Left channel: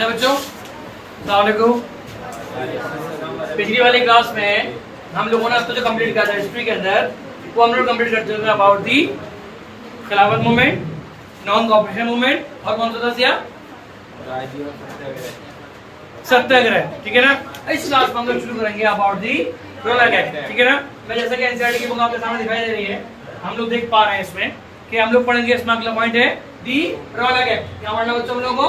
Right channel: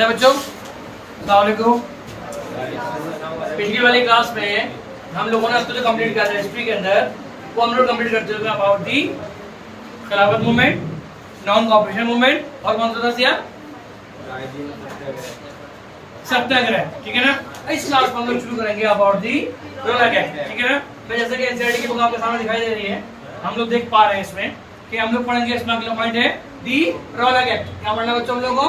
है बच्चों। अस्सलाम वालेकुम। पिछली वाली क्लास में हम लोगों ने अब तो जो कंप्लीट किया था हिस्ट्री के अंदर, वो हम लोग कंप्लीट करते हुए अबाउट दी खिलाफत मूवमेंट, नॉन कॉपरेशन मूवमेंट और कौन सा था सिया सत्याग्रह। ठीक है ना। इस क्लास में हम लोग शुरू करेंगे अबाउट दी रोलक एक्ट। ठीक है ना। मैं जैसा कि एनसीईआरटी की बुक आपके सामने दिखाई दे रही है, हम लोग देख पा रहे हैं इसमें कि हम लोग पढ़ेंगे। इसमें अगला पॉइंट है दी रोलक एक्ट। क्या पढ़ना बच्चों हम लोगों को?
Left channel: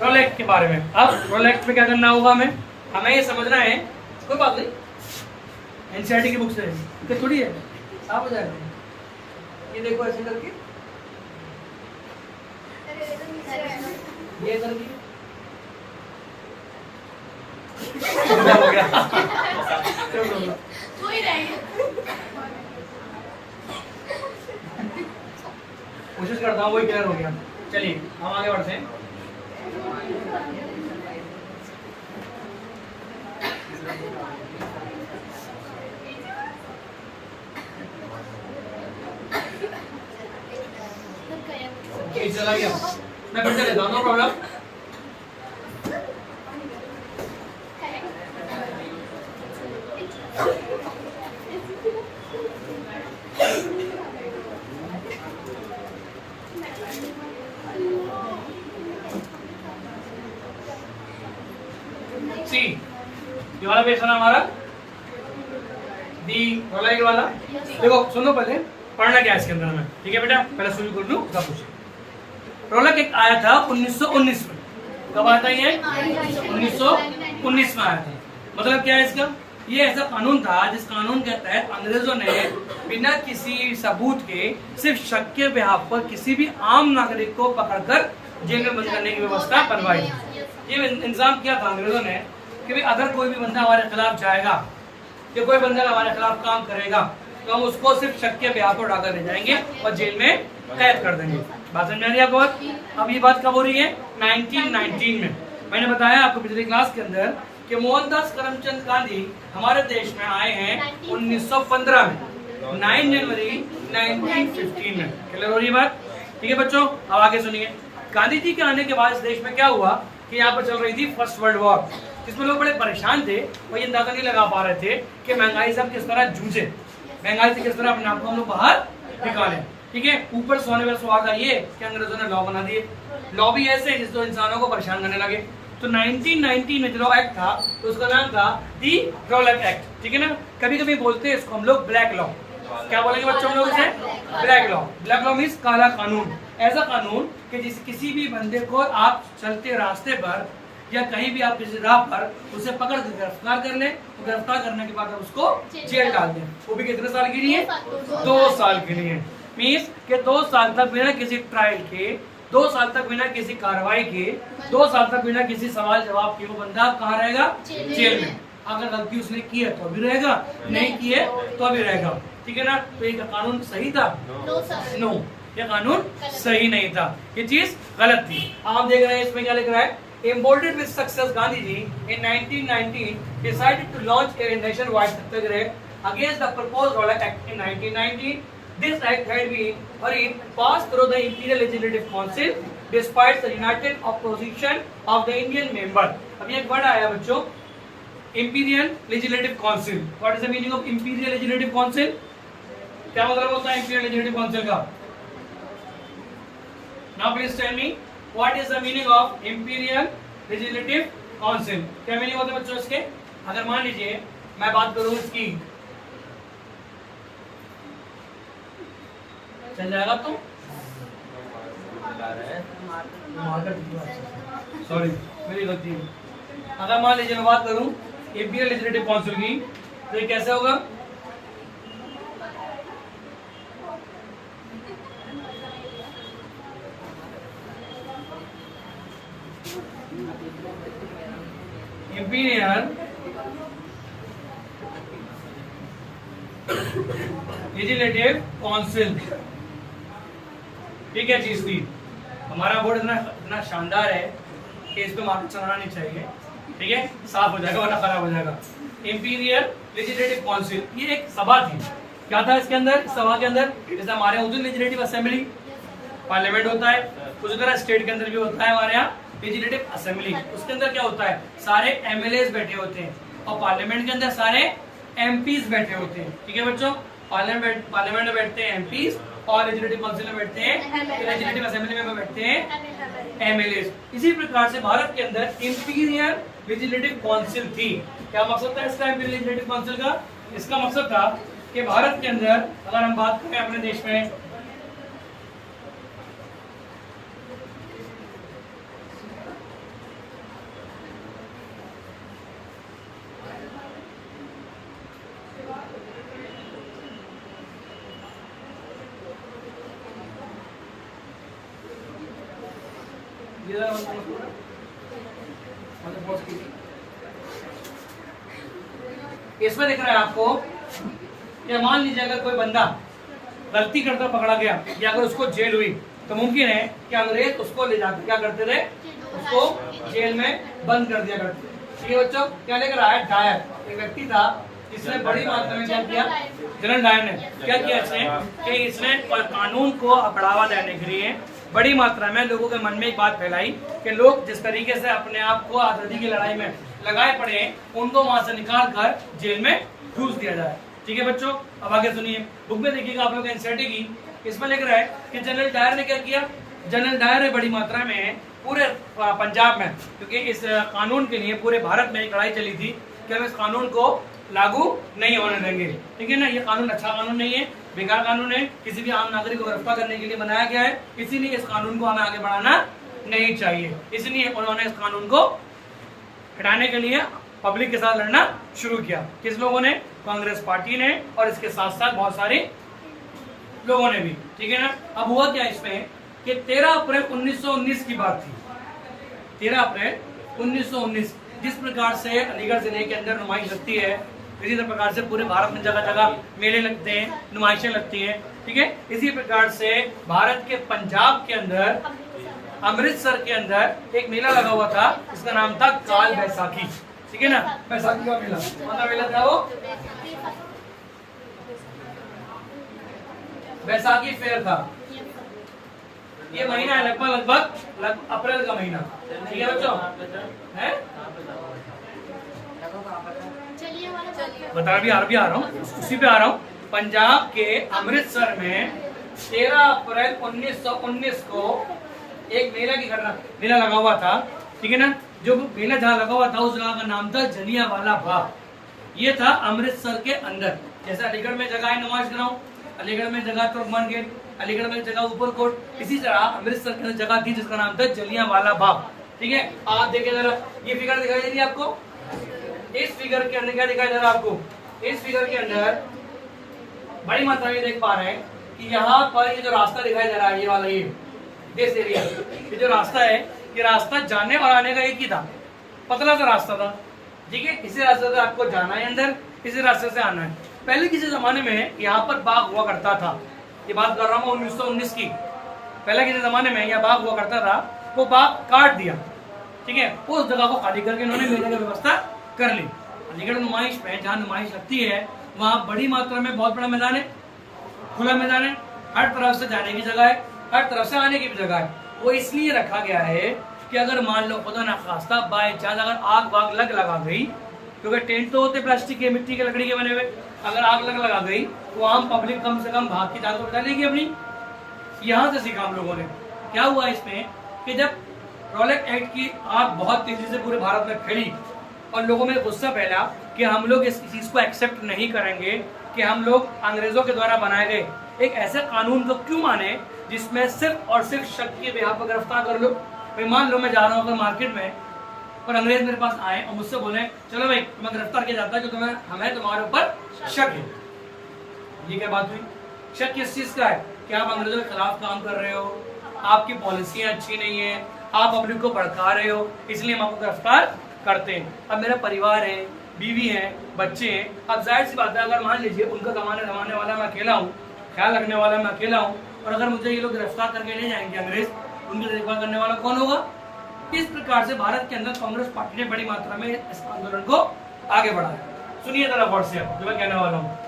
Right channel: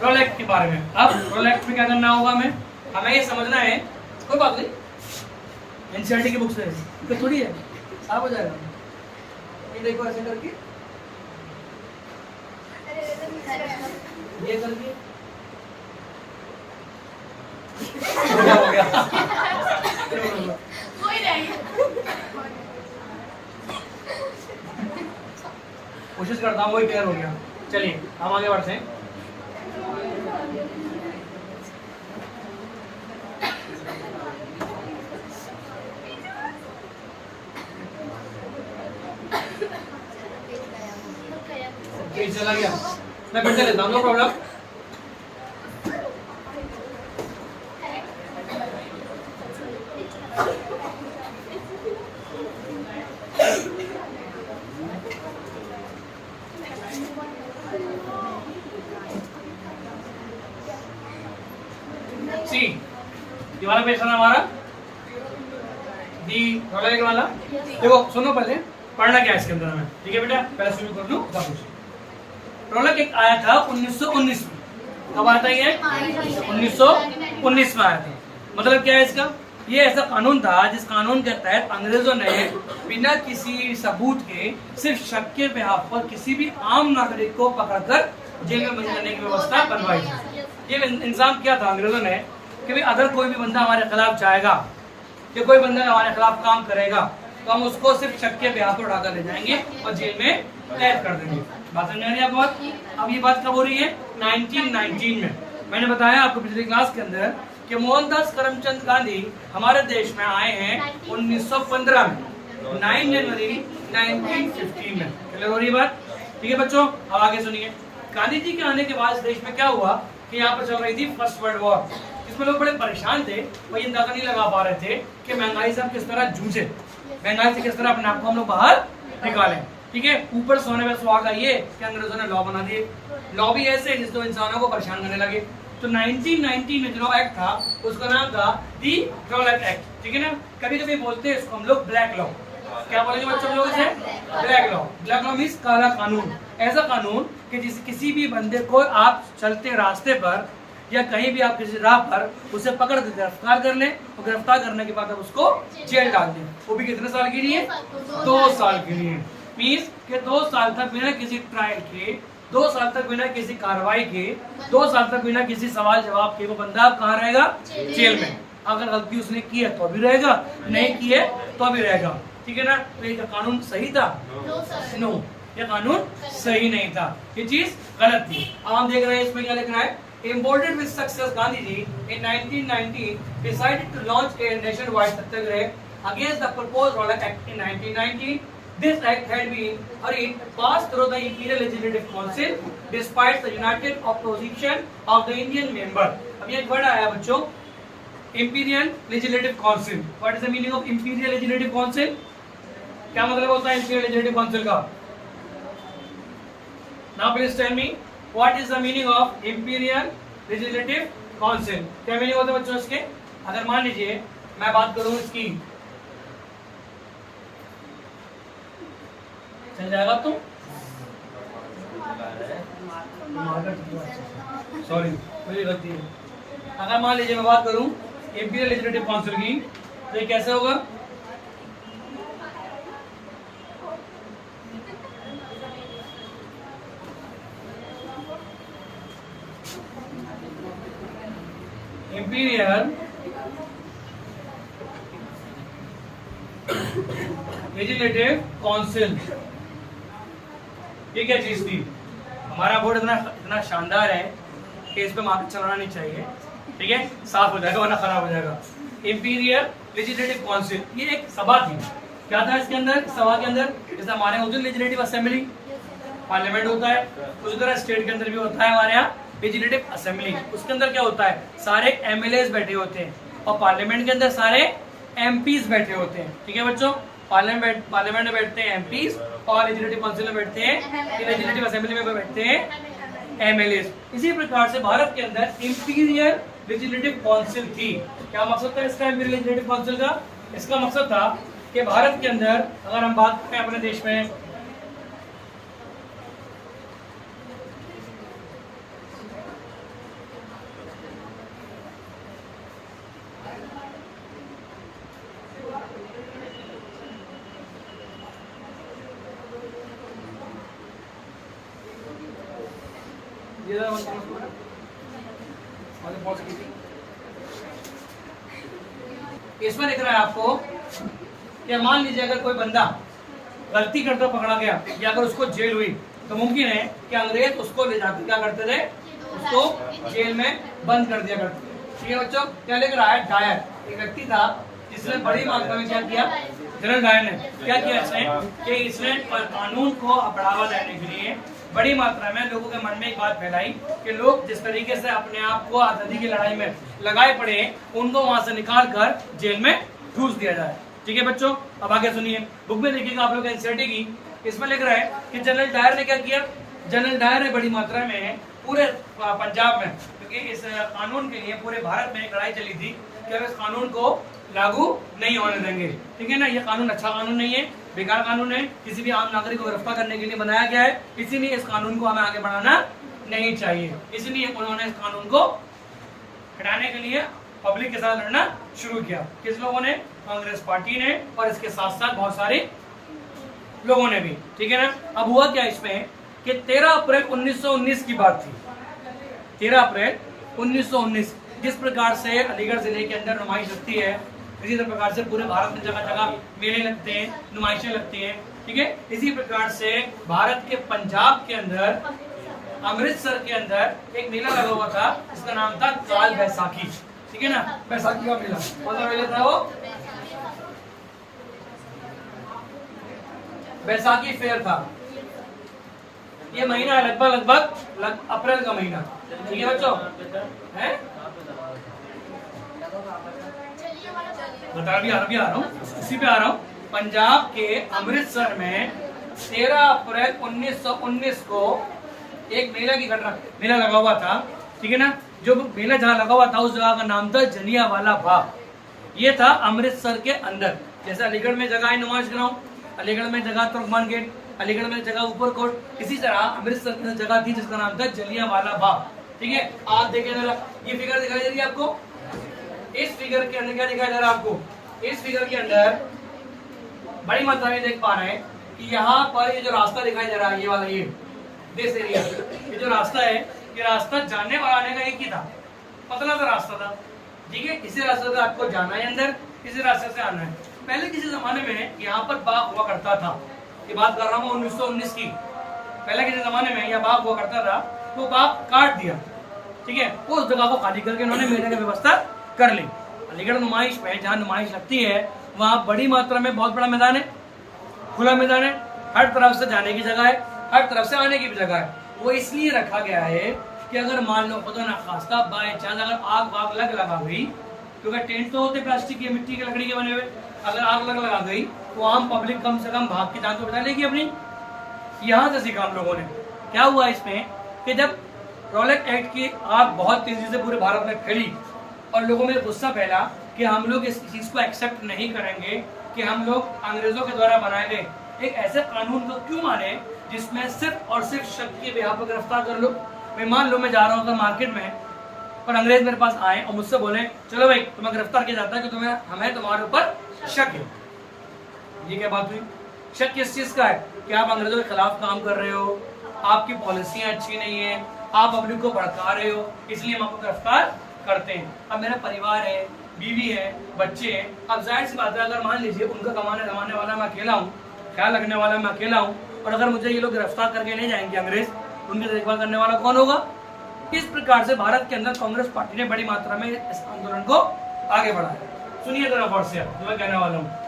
रोल एक्ट के बारे में। अब रोल एक्ट में क्या करना होगा हमें ये समझना है। कोई बात नहीं, एनसीईआरटी की बुक से तो थोड़ी है, साफ हो जाएगा। ये देखो ऐसे करके, ये करके हो गया। कोशिश करता हूँ, वही क्लियर हो गया। चलिए हम आगे बढ़ते हैं। चला गया, मैं पढ़ते लेता हूँ, नो प्रॉब्लम। सी ये वाला पेज था हमारा, दी रोल एक्ट वाला। देखो सुनो, पहले पढ़ना क्या है इसके अंदर हमें। ठीक है बेटा, पहले शुरू कर दूं सब कुछ। रोल एक्ट आया था 1919 में। कब आया था ये? 1919 में आया था। मतलब क्या है इसका? ये ऐसा कानून था जिस कानून के तहत अंग्रेजों ने बिना किसी सबूत के, सिर्फ शक के बिहाफ पर किसी भी आम नागरिक को पकड़कर जेल में बंद करने की व्यवस्था बनवाई थी। ये इंतजाम किया था अंग्रेजों ने कि भाई अगर कोई भी बंदा हमारे खिलाफ जाएगा कि कोई बंदा हमारे खिलाफ काम करेगा तो हम उसको सिर्फ शक के बिहाफ पर उठाकर ले जाएंगे और जेल में कैद कर देंगे। बात समझ आ रही है आपको? अब ये बात कब हो रही है? 1919 में। मैंने बताया आपको पिछली क्लास के अंदर कि मोहनदास करमचंद गांधी हमारे देश में आए हैं 1915 में, 9 जनवरी 1915 में। क्लियर हो रही है बात? ठीक है बच्चों, अब आगे सुनिए। गांधी जी के आने के बाद इस देश में क्या हुआ कि यहाँ पर चल रही थी फर्स्ट वर्ल्ड वॉर, जिसमें लोग बड़े परेशान थे। वो ये अंदाजा नहीं लगा पा रहे थे कि महंगाई से हम किस तरह जूझे, महंगाई से किस तरह अपने आप को हम लोग बाहर निकालें। ठीक है। ऊपर सोने में सुहागा ये कि अंग्रेजों ने लॉ बना दिए। लॉ भी ऐसे जिससे इंसानों को परेशान करने लगे। तो 1919 में जो एक्ट था तो उसका नाम था दी रोलक एक्ट। ठीक है ना। कभी कभी बोलते हैं इसको हम लोग ब्लैक लॉ। क्या बोलेंगे बच्चों हम लोग इसे? Black law. Black law means काला कानून। ऐसा कानून कि जिस किसी भी बंदे को आप चलते रास्ते पर या कहीं भी आप किसी राह पर उसे पकड़ कर गिरफ्तार कर ले, तो गिरफ्तार करने के बाद आप उसको जेल डाल दें। वो भी कितने साल के लिए? 2 साल के लिए। मीन्स के 2 साल तक बिना किसी ट्रायल के, 2 साल तक बिना किसी कार्रवाई के, 2 साल तक बिना किसी सवाल जवाब के वो बंदा कहाँ रहेगा? जेल में। अगर गलती उसने की है तो भी रहेगा, नहीं की है तो भी रहेगा। ठीक है ना। तो ये कानून सही था? नो, ये कानून सही नहीं था, ये चीज गलत थी। आप देख रहे हैं इसमें क्या लिख रहा है? Embodied with success, Gandhi ji in 1919 decided to launch a nationwide satyagrah against the proposed Rollock Act in 1919. This act had been hurried passed through the Imperial Legislative Council despite the united opposition of the Indian member. अब ये एक word आया बच्चों, Imperial Legislative Council. What is the meaning of Imperial Legislative Council? क्या मतलब होता है Imperial Legislative Council का? Now please tell me what is the meaning of Imperial Legislative Council? क्या मीनिंग होता है बच्चों इसके? अगर मान लीजिए मैं बात करूं इसकी, चल जाएगा तो सॉरी मेरी गलती है। अगर मान लीजिए मैं बात करूं इंपीरियल लेजिस्लेटिव काउंसिल की, तो ये कैसे होगा? इंपीरियल लेजिस्लेटिव काउंसिल, ये क्या चीज थी? हमारा बोर्ड इतना शानदार है कि इस पे मार्केट चलाना नहीं चाहिए। ठीक है, साफ हो जाएगा वरना खराब हो जाएगा। इंपीरियल लेजिस्लेटिव काउंसिल ये एक सभा थी। क्या था इसके अंदर? इस सभा के अंदर जैसे हमारे यहाँ लेजिस्लेटिव असेंबली पार्लियामेंट होता है, उसी तरह स्टेट के अंदर भी होता है हमारे यहाँ लेजिस्लेटिव असेंबली, उसके अंदर क्या होता है, सारे एमएलए बैठे होते हैं, और पार्लियामेंट के अंदर सारे एमपीज बैठे होते हैं। ठीक है बच्चों, पार्लियामेंट में बैठते हैं एमपीज, और लेजिस्लेटिव काउंसिल में बैठते हैं, लेजिस्लेटिव असेंबली में बैठते हैं एमएलए। इसी प्रकार से भारत के अंदर इंपीरियल लेजिस्लेटिव काउंसिल थी। क्या मकसद था इसका इंपीरियल लेजिस्लेटिव काउंसिल का? इसका मकसद था कि भारत के अंदर अगर हम बात करें अपने देश में, इसमें दिख रहा है आपको कि मान लीजिए अगर कोई बंदा गलती करता पकड़ा गया या अगर उसको जेल हुई तो मुमकिन है कि अंग्रेज उसको ले जाकर क्या करते थे, उसको जेल में बंद कर दिया करते थे। ठीक है बच्चों, क्या लेकर आया? डायर, एक व्यक्ति था जिसने बड़ी मात्रा में क्या किया, जनरल डायर ने क्या किया इसने कानून को बढ़ावा देने के लिए बड़ी मात्रा में लोगों के मन में एक बात फैलाई कि लोग जिस तरीके से अपने आप को आजादी की लड़ाई में लगाए पड़े उनको वहां से निकाल कर जेल में ठूस दिया जाए। ठीक है बच्चों, अब आगे सुनिए, बुक में देखिएगा आप लोग एनसीईआरटी की, इसमें लिख रहा है कि जनरल डायर ने क्या किया, जनरल डायर ने बड़ी मात्रा में पूरे पंजाब में, क्योंकि इस कानून के लिए पूरे भारत में एक लड़ाई चली थी कि हम इस कानून को लागू नहीं होने देंगे। ठीक है ना, ये कानून अच्छा कानून नहीं है, बेकार कानून है, किसी भी आम नागरिक को गिरफ्तार करने के लिए बनाया गया है, इसीलिए इस कानून को हमें आगे बढ़ाना नहीं चाहिए। इसलिए उन्होंने इस कानून को हटाने के लिए पब्लिक के साथ लड़ना शुरू किया। किस लोगों ने? कांग्रेस पार्टी ने, और इसके साथ साथ बहुत सारे लोगों ने भी। ठीक है ना, अब हुआ क्या इसमें कि 13 अप्रैल 1919 की बात थी। 13 अप्रैल 1919 जिस प्रकार से अलीगढ़ जिले के अंदर नुमाइश लगती है, इसी प्रकार से पूरे भारत में जगह जगह मेले लगते हैं, नुमाइशें लगती हैं। ठीक है, इसी प्रकार से भारत के पंजाब के अंदर अमृतसर के अंदर एक मेला लगा हुआ था, उसका नाम था काल बैसाखी। ठीक है ना, बैसाखी का मेला, कौन सा मेला था वो? बैसाखी फेयर था। ये महीना है लगभग अप्रैल का महीना। ठीक है बच्चों, है बता भी आ रहा हूँ, उसी पे आ रहा हूँ। पंजाब के अमृतसर में 13 अप्रैल 1919 को एक मेला की घटना, मेला लगा हुआ था। ठीक है ना, जो मेला जहाँ लगा हुआ था उस जगह का नाम था जलियांवाला बाग। ये था अमृतसर के अंदर। जैसे अलीगढ़ में जगह है नुमाइश ग्राउंड, अलीगढ़ में जगह तुर्कमान गेट, अलीगढ़ में जगह ऊपर कोट, इसी तरह अमृतसर के अंदर जगह थी जिसका नाम था जलियांवाला बाग। ठीक है, आप देखिए जरा, ये फिगर दिखाई दे रही है आपको, इस फिगर के अंदर क्या दिखाई दे रहा है आपको? इस फिगर के अंदर बड़ी मात्रा में देख पा रहे हैं कि यहाँ पर ये जो रास्ता दिखाई दे रहा है, ये वाला, ये दिस एरिया, ये जो रास्ता है, ये रास्ता जाने और आने का एक ही था, पतला सा रास्ता था। ठीक है, इसी रास्ते से आपको जाना है अंदर, इसी रास्ते से आना है। पहले किसी जमाने में यहाँ पर बाग हुआ करता था, ये बात कर रहा हूँ 1919 की। पहले किसी जमाने में यहाँ बाग हुआ करता था, वो बाग काट दिया। ठीक है, उस जगह को खाली करके इन्होंने मेले की व्यवस्था कर ली। अलीगढ़ नुमाइश में जहाँ नुमाइश लगती है वहाँ बड़ी मात्रा में बहुत बड़ा मैदान है, खुला मैदान है, हर तरफ से जाने की जगह है, हर तरफ से आने की भी जगह है। वो इसलिए रखा गया है कि अगर मान लो खुदा ना खास्ता बाय चांस अगर आग वाग लगा गई, तो टेंट तो होते प्लास्टिक के, मिट्टी के, लकड़ी के बने हुए, अगर आग लगा गई तो आम पब्लिक कम से कम भाग की जान तो बचा लेगी अपनी। यहाँ से सीखा हम लोगों ने। क्या हुआ इसमें कि जब रॉलेट एक्ट की आग बहुत तेजी से पूरे भारत में फैली और लोगों में गुस्सा फैला कि हम लोग इस चीज को एक्सेप्ट नहीं करेंगे कि हम लोग अंग्रेजों के द्वारा बनाए गए एक ऐसे कानून को क्यों माने जिसमें सिर्फ और सिर्फ शक के बिहार पर गिरफ्तार कर लो। मैं मान लो मैं जा रहा हूँ अगर मार्केट में और अंग्रेज मेरे पास आए और मुझसे बोले चलो भाई तुम्हें गिरफ्तार किया जाता है कि तुम्हें हमें तुम्हारे ऊपर शक है। ये क्या बात हुई? शक किस चीज का है? कि आप अंग्रेजों के खिलाफ काम कर रहे हो, आपकी पॉलिसियां अच्छी नहीं है, आप पब्लिक को भड़का रहे हो, इसलिए हम आपको गिरफ्तार करते हैं। अब मेरा परिवार है, बीवी है, बच्चे हैं, अब जाहिर सी बात है अगर मान लीजिए उनका कमाने धमाने वाला मैं अकेला हूँ, ख्याल रखने वाला मैं अकेला हूँ, और अगर मुझे ये लोग गिरफ्तार करके ले जाएंगे अंग्रेज, उनकी देखभाल करने वाला कौन होगा? इस प्रकार से भारत के अंदर कांग्रेस पार्टी ने बड़ी मात्रा में इस आंदोलन को आगे बढ़ाया। सुनिए जरा गौर से जो मैं कहने वाला हूँ।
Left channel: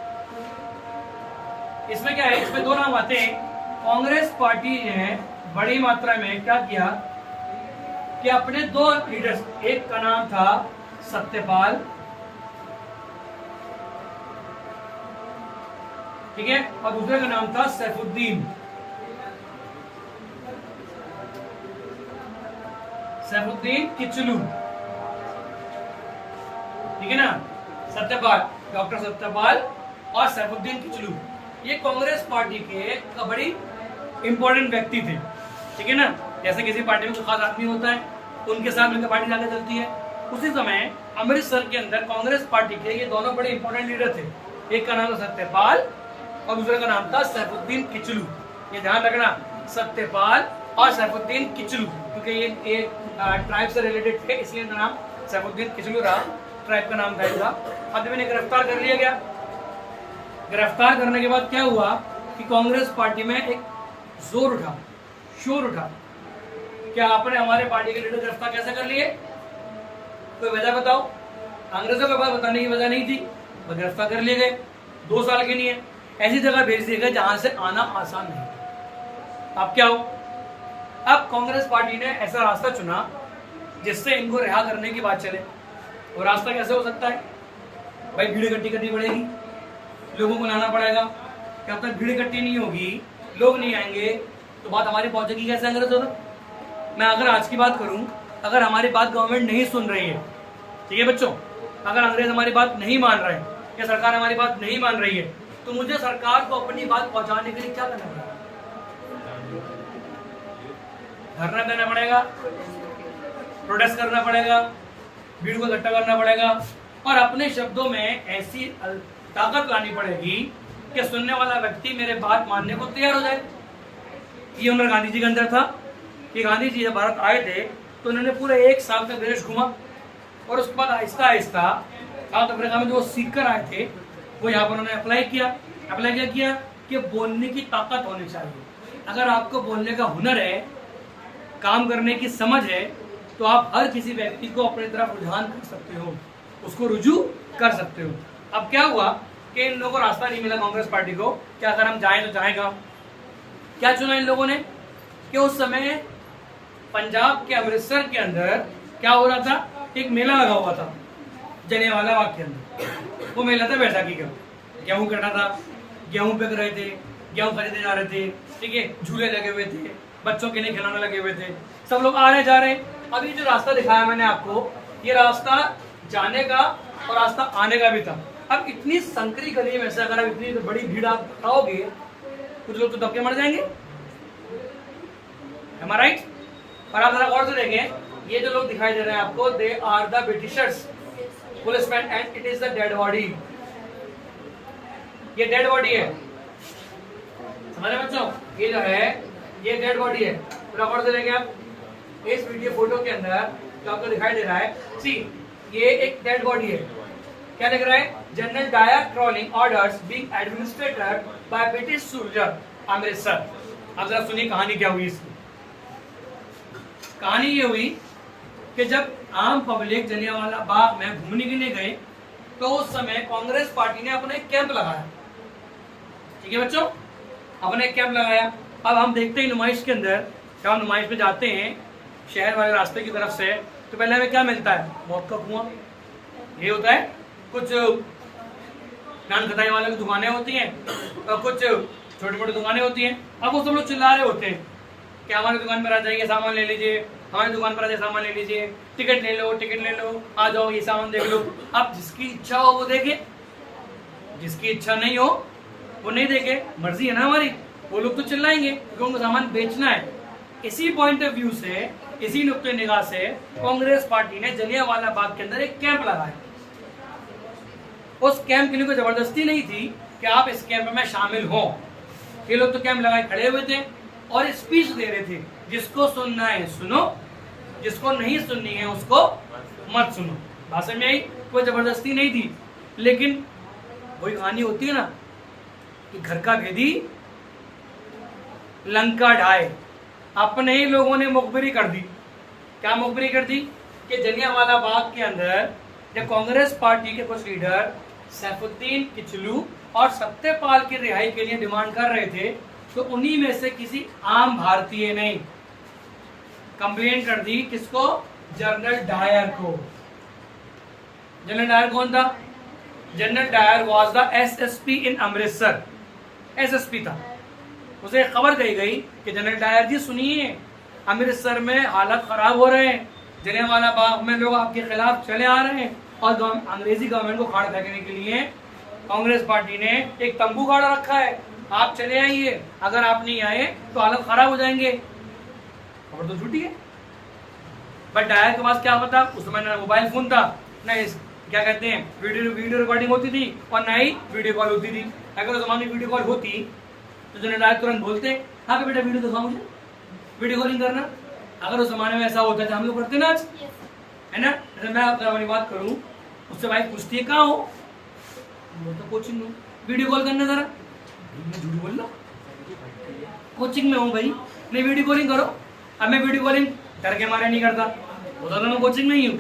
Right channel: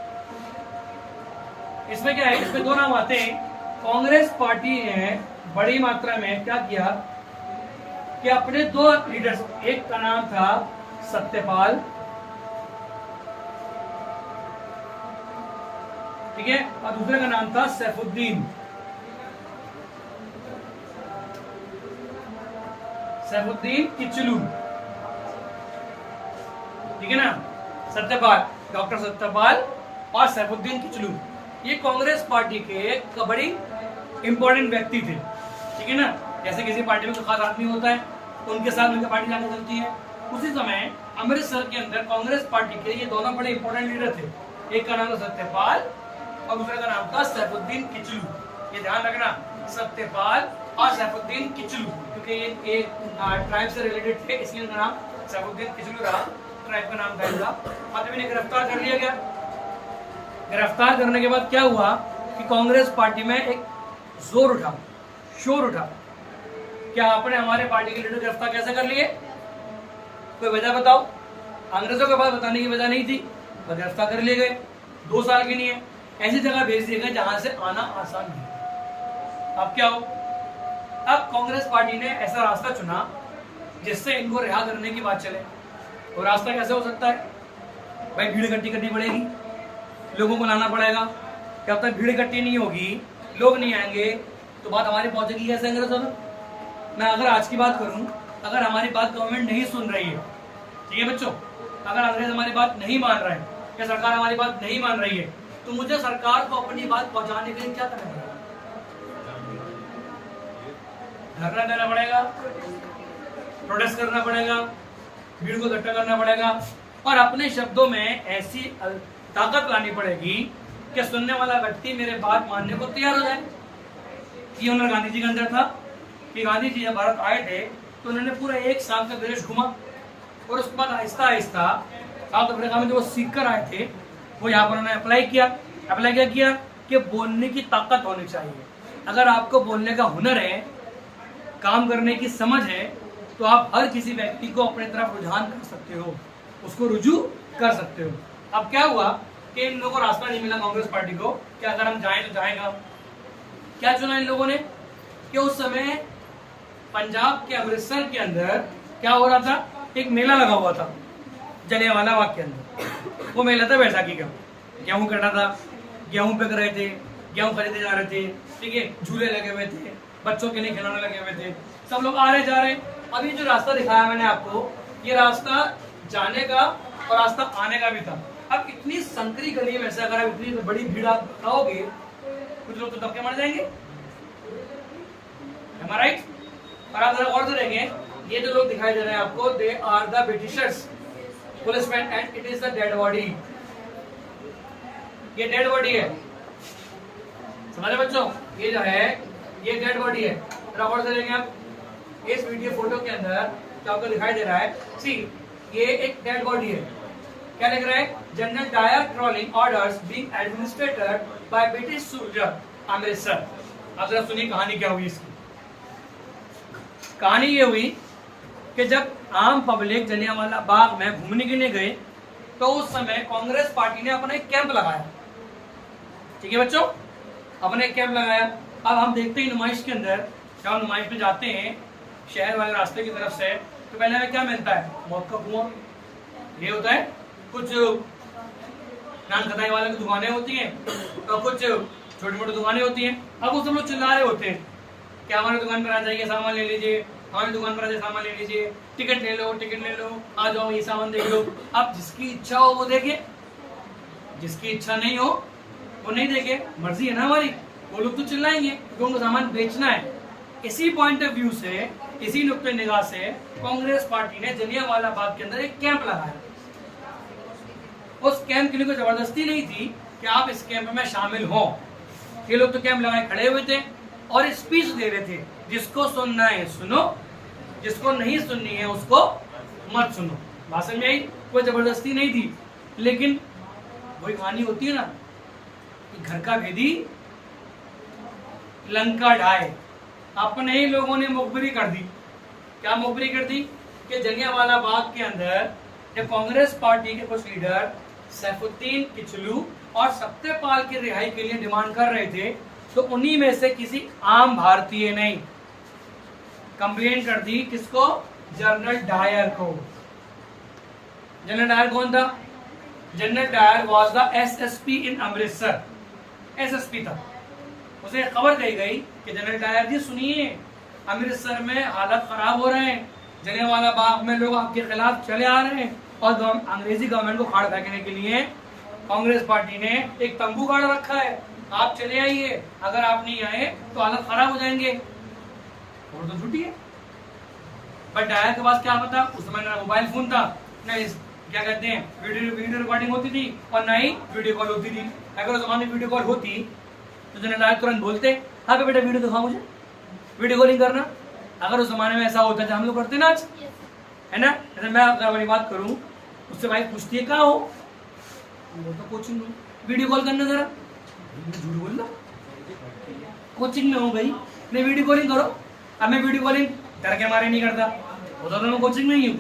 इसमें क्या है, इसमें दो नाम आते हैं। कांग्रेस पार्टी ने बड़ी मात्रा में क्या किया, कि अपने दो लीडर्स, एक का नाम था सत्यपाल, ठीक है, और दूसरे का नाम था सैफुद्दीन। सैफुद्दीन किचलू, ठीक है ना। सत्यपाल, डॉक्टर सत्यपाल और सैफुद्दीन किचलू, ये कांग्रेस पार्टी के बड़ी इंपॉर्टेंट व्यक्ति थे, ठीक है ना। जैसे किसी पार्टी में कोई खास आदमी होता है, उनके साथ उनकी पार्टी आगे चलती है। उसी समय अमृतसर के अंदर कांग्रेस पार्टी के ये दोनों बड़े इंपॉर्टेंट लीडर थे। एक का नाम था सत्यपाल और दूसरे का नाम था सैफुद्दीन किचलू। ये ध्यान रखना, सत्यपाल और सैफुद्दीन किचलू, क्योंकि ये ट्राइब से रिलेटेड थे, इसलिए नाम सैफुद्दीन किचलू रहा, ट्राइब का नाम था इनका। अब इन्हें गिरफ्तार कर लिया गया। गिरफ्तार करने के बाद क्या हुआ कि कांग्रेस पार्टी में एक जोर उठा, शोर उठा, क्या आपने हमारे पार्टी के लीडर गिरफ्तार कैसे कर लिए, कोई वजह बताओ। अंग्रेजों के पास बताने की वजह नहीं थी, वह गिरफ्तार कर लिए गए। 2 साल के लिए ऐसी जगह भेज दिए गए जहां से आना आसान नहीं। अब क्या हो, अब कांग्रेस पार्टी ने ऐसा रास्ता चुना जिससे इनको रिहा करने की बात चले। और रास्ता कैसे हो सकता है भाई, भीड़ इकट्ठी करनी पड़ेगी, लोगों को लाना पड़ेगा। जब तक भीड़ इकट्ठी नहीं होगी, लोग नहीं आएंगे, तो बात हमारी पहुंचेगी कैसे अंग्रेजों तक। मैं अगर आज की बात करूं, अगर हमारी बात गवर्नमेंट नहीं सुन रही है, ठीक है बच्चों, अगर अंग्रेज हमारी बात नहीं मान रहे हैं या सरकार हमारी बात नहीं मान रही है, तो मुझे सरकार को अपनी बात पहुंचाने के लिए क्या करना पड़ेगा, धरना देना पड़ेगा, प्रोटेस्ट करना पड़ेगा, भीड़ को इकट्ठा करना पड़ेगा और अपने शब्दों में ऐसी ताकत लानी पड़ेगी कि सुनने वाला व्यक्ति मेरे बात मानने को तैयार हो जाए। ये हमारे गांधी जी के अंदर था कि गांधी जी भारत आए थे तो उन्होंने पूरा 1 साल का देश घुमा और उसके बाद आहिस्ता आहिस्ता साउथ अफ्रीका में जो सीख कर आए थे वो यहाँ पर उन्होंने अप्लाई क्या किया कि बोलने की ताकत होनी चाहिए। अगर आपको बोलने का हुनर है, काम करने की समझ है, तो आप हर किसी व्यक्ति को अपनी तरफ रुझान कर सकते हो, उसको रुजू कर सकते हो। अब क्या हुआ कि इन लोगों को रास्ता नहीं मिला कांग्रेस पार्टी को, क्या अगर हम जाएं तो जाएगा। क्या चुना इन लोगों ने कि उस समय पंजाब के अमृतसर के अंदर क्या हो रहा था, एक मेला लगा हुआ था जलियांवाला बाग के अंदर। वो मेला था बैसाखी का, गेहूं कटा था, गेहूं बिक रहे थे, गेहूं खरीदे जा रहे थे, ठीक है, झूले लगे हुए थे, बच्चों के लिए खिलौने लगे हुए थे, सब लोग आ रहे जा रहे। अभी जो रास्ता दिखाया मैंने आपको, ये रास्ता जाने का और रास्ता आने का भी था। अब इतनी संकरी गली में से अगर आप इतनी बड़ी भीड़ आप खाओगे, कुछ लोग तो दबके मर जाएंगे, am I right? और आप जरा और से देखें, ये जो लोग दिखाई दे रहे हैं आपको, they are the Britishers policeman and it is the dead body. ये डेड बॉडी है, समझे बच्चों, ये जो है ये डेड बॉडी है। जरा और से देखें आप इस वीडियो फोटो के अंदर जो आपको दिखाई दे रहा है, सी ये एक डेड बॉडी है। क्या लिख रहा है, General Dyer trolling orders being administrated by British soldier Amritsar. अब जरा सुनिए कहानी क्या हुई इसकी। कहानी ये हुई कि जब आम पब्लिक जलियांवाला बाग में घूमने के लिए गए तो उस समय कांग्रेस पार्टी ने अपना एक कैंप लगाया, ठीक है बच्चों, अपने एक कैंप लगाया। अब हम देखते हैं नुमाइश के अंदर, जब हम नुमाइश में जाते हैं शहर वाले रास्ते की तरफ से, तो पहले हमें क्या मिलता है, मौत का कुआं, ये होता है, कुछ नान खटाई वाले की दुकानें होती हैं और कुछ छोटी मोटी दुकानें होती हैं। अब वो सब लोग चिल्ला रहे होते हैं कि हमारी दुकान पर आ जाइए, सामान ले लीजिए, हमारी दुकान पर आ जाइए, सामान ले लीजिए, टिकट ले लो, आ जाओ, ये सामान देख लो। अब जिसकी इच्छा हो वो देखे, जिसकी इच्छा नहीं हो वो नहीं देखे, मर्जी है ना हमारी। वो लोग तो चिल्लाएंगे क्योंकि उनको सामान बेचना है। इसी पॉइंट ऑफ व्यू से, इसी नुक्ते निगाह से कांग्रेस पार्टी ने जलियांवाला बाग के अंदर एक कैंप लगाया। उस कैंप के लिए कोई जबरदस्ती नहीं थी कि आप इस कैंप में शामिल हो। ये लोग तो कैंप लगाए खड़े हुए थे और स्पीच दे रहे थे, जिसको सुनना है सुनो, जिसको नहीं सुननी है उसको मत सुनो। बात समझ में आई, कोई जबरदस्ती नहीं थी। लेकिन वही कहानी होती है ना कि घर का भेदी लंका ढाए, अपने ही लोगों ने मुखबिरी कर दी। क्या मुखबिरी कर दी कि जलियांवाला बाग के अंदर जब कांग्रेस पार्टी के कुछ लीडर सैफुद्दीन किचलू और सत्यपाल की रिहाई के लिए डिमांड कर रहे थे, तो उन्हीं में से किसी आम भारतीय नहीं, कंप्लेन कर दी किसको? जनरल डायर को। जनरल डायर कौन था? General Dyer was the SSP in Amritsar, SSP था। उसे खबर कही गई कि जनरल डायर जी सुनिए, अमृतसर में हालत खराब हो रहे हैं, जलियांवाला बाग में लोग आपके खिलाफ चले आ रहे हैं और अंग्रेजी गवर्नमेंट को खाड़ फेंकने के लिए कांग्रेस पार्टी ने एक तंबू गाड़ा रखा है, आप चले आइए, अगर आप नहीं आए तो हालत खराब हो जाएंगे। खबर तो झूठी है। बट डायर के पास क्या पता, उस समय मेरा मोबाइल फोन था, न क्या कहते हैं वीडियो रिकॉर्डिंग होती थी और ना ही वीडियो कॉल होती थी। अगर उस जमाने में वीडियो कॉल होती तो जनरल डायर तुरंत बोलते, हाँ पे बेटा वीडियो दिखाओ मुझे, वीडियो कॉलिंग करना। अगर उस जमाने में ऐसा होता है हम लोग करते ना आज, है ना। जैसे मैं अपनी बात करूं, उससे वाइफ पूछती है कहाँ हो, वो तो कोचिंग में, वीडियो कॉल करना जरा, मैं झूठ बोल रहा हूँ, कोचिंग में हूँ भाई, नहीं वीडियो कॉलिंग करो। अब मैं वीडियो कॉलिंग डर के मारे नहीं करता, होता तो मैं कोचिंग में ही हूँ,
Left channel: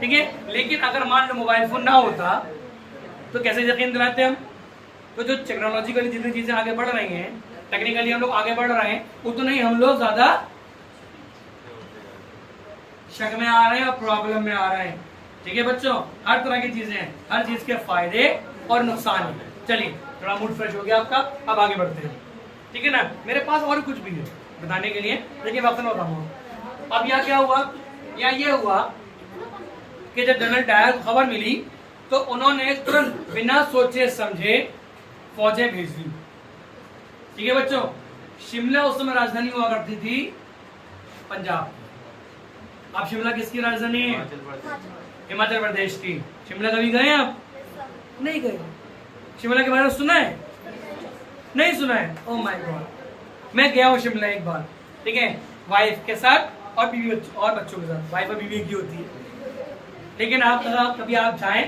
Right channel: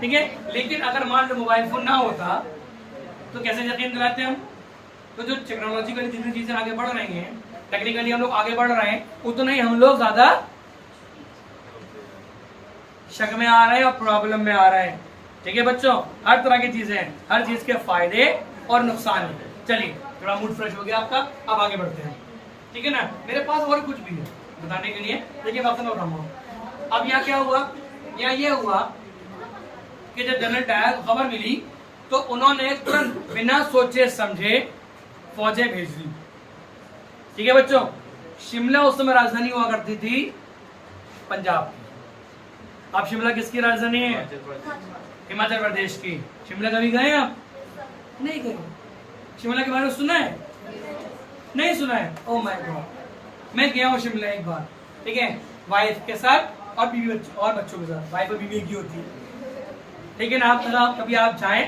ठीक है। लेकिन अगर मान लो मोबाइल फोन ना होता तो कैसे यकीन दिलाते हम? तो जो टेक्नोलॉजिकली जितनी चीजें आगे बढ़ रही हैं, टेक्निकली हम लोग आगे बढ़ रहे हैं, उतना ही हम लोग ज्यादा शक में आ रहे हैं और प्रॉब्लम में आ रहे हैं, ठीक है बच्चों। हर तरह की चीजें हैं, हर चीज के फायदे और नुकसान है। चलिए थोड़ा मूड फ्रेश हो गया आपका, अब आगे बढ़ते हैं, ठीक है ना। मेरे पास और कुछ भी है बताने के लिए, लेकिन आपसे मैं बताऊंगा। अब यहाँ क्या हुआ, यहाँ ये हुआ कि जब जनरल डायर को खबर मिली तो उन्होंने तुरंत बिना सोचे समझे फौजें भेज दी, ठीक है बच्चों। शिमला उस समय राजधानी हुआ करती थी पंजाब। अब शिमला किसकी राजधानी है? हिमाचल प्रदेश की। शिमला कभी गए आप? नहीं गए। शिमला के बारे में सुना है? नहीं सुना है? ओह माय गॉड, मैं गया हूँ शिमला एक बार, ठीक है, वाइफ के साथ और बीवी और बच्चों के साथ। वाइफ और बीवी की होती है, ठीक है ना। आप कभी आप जाएं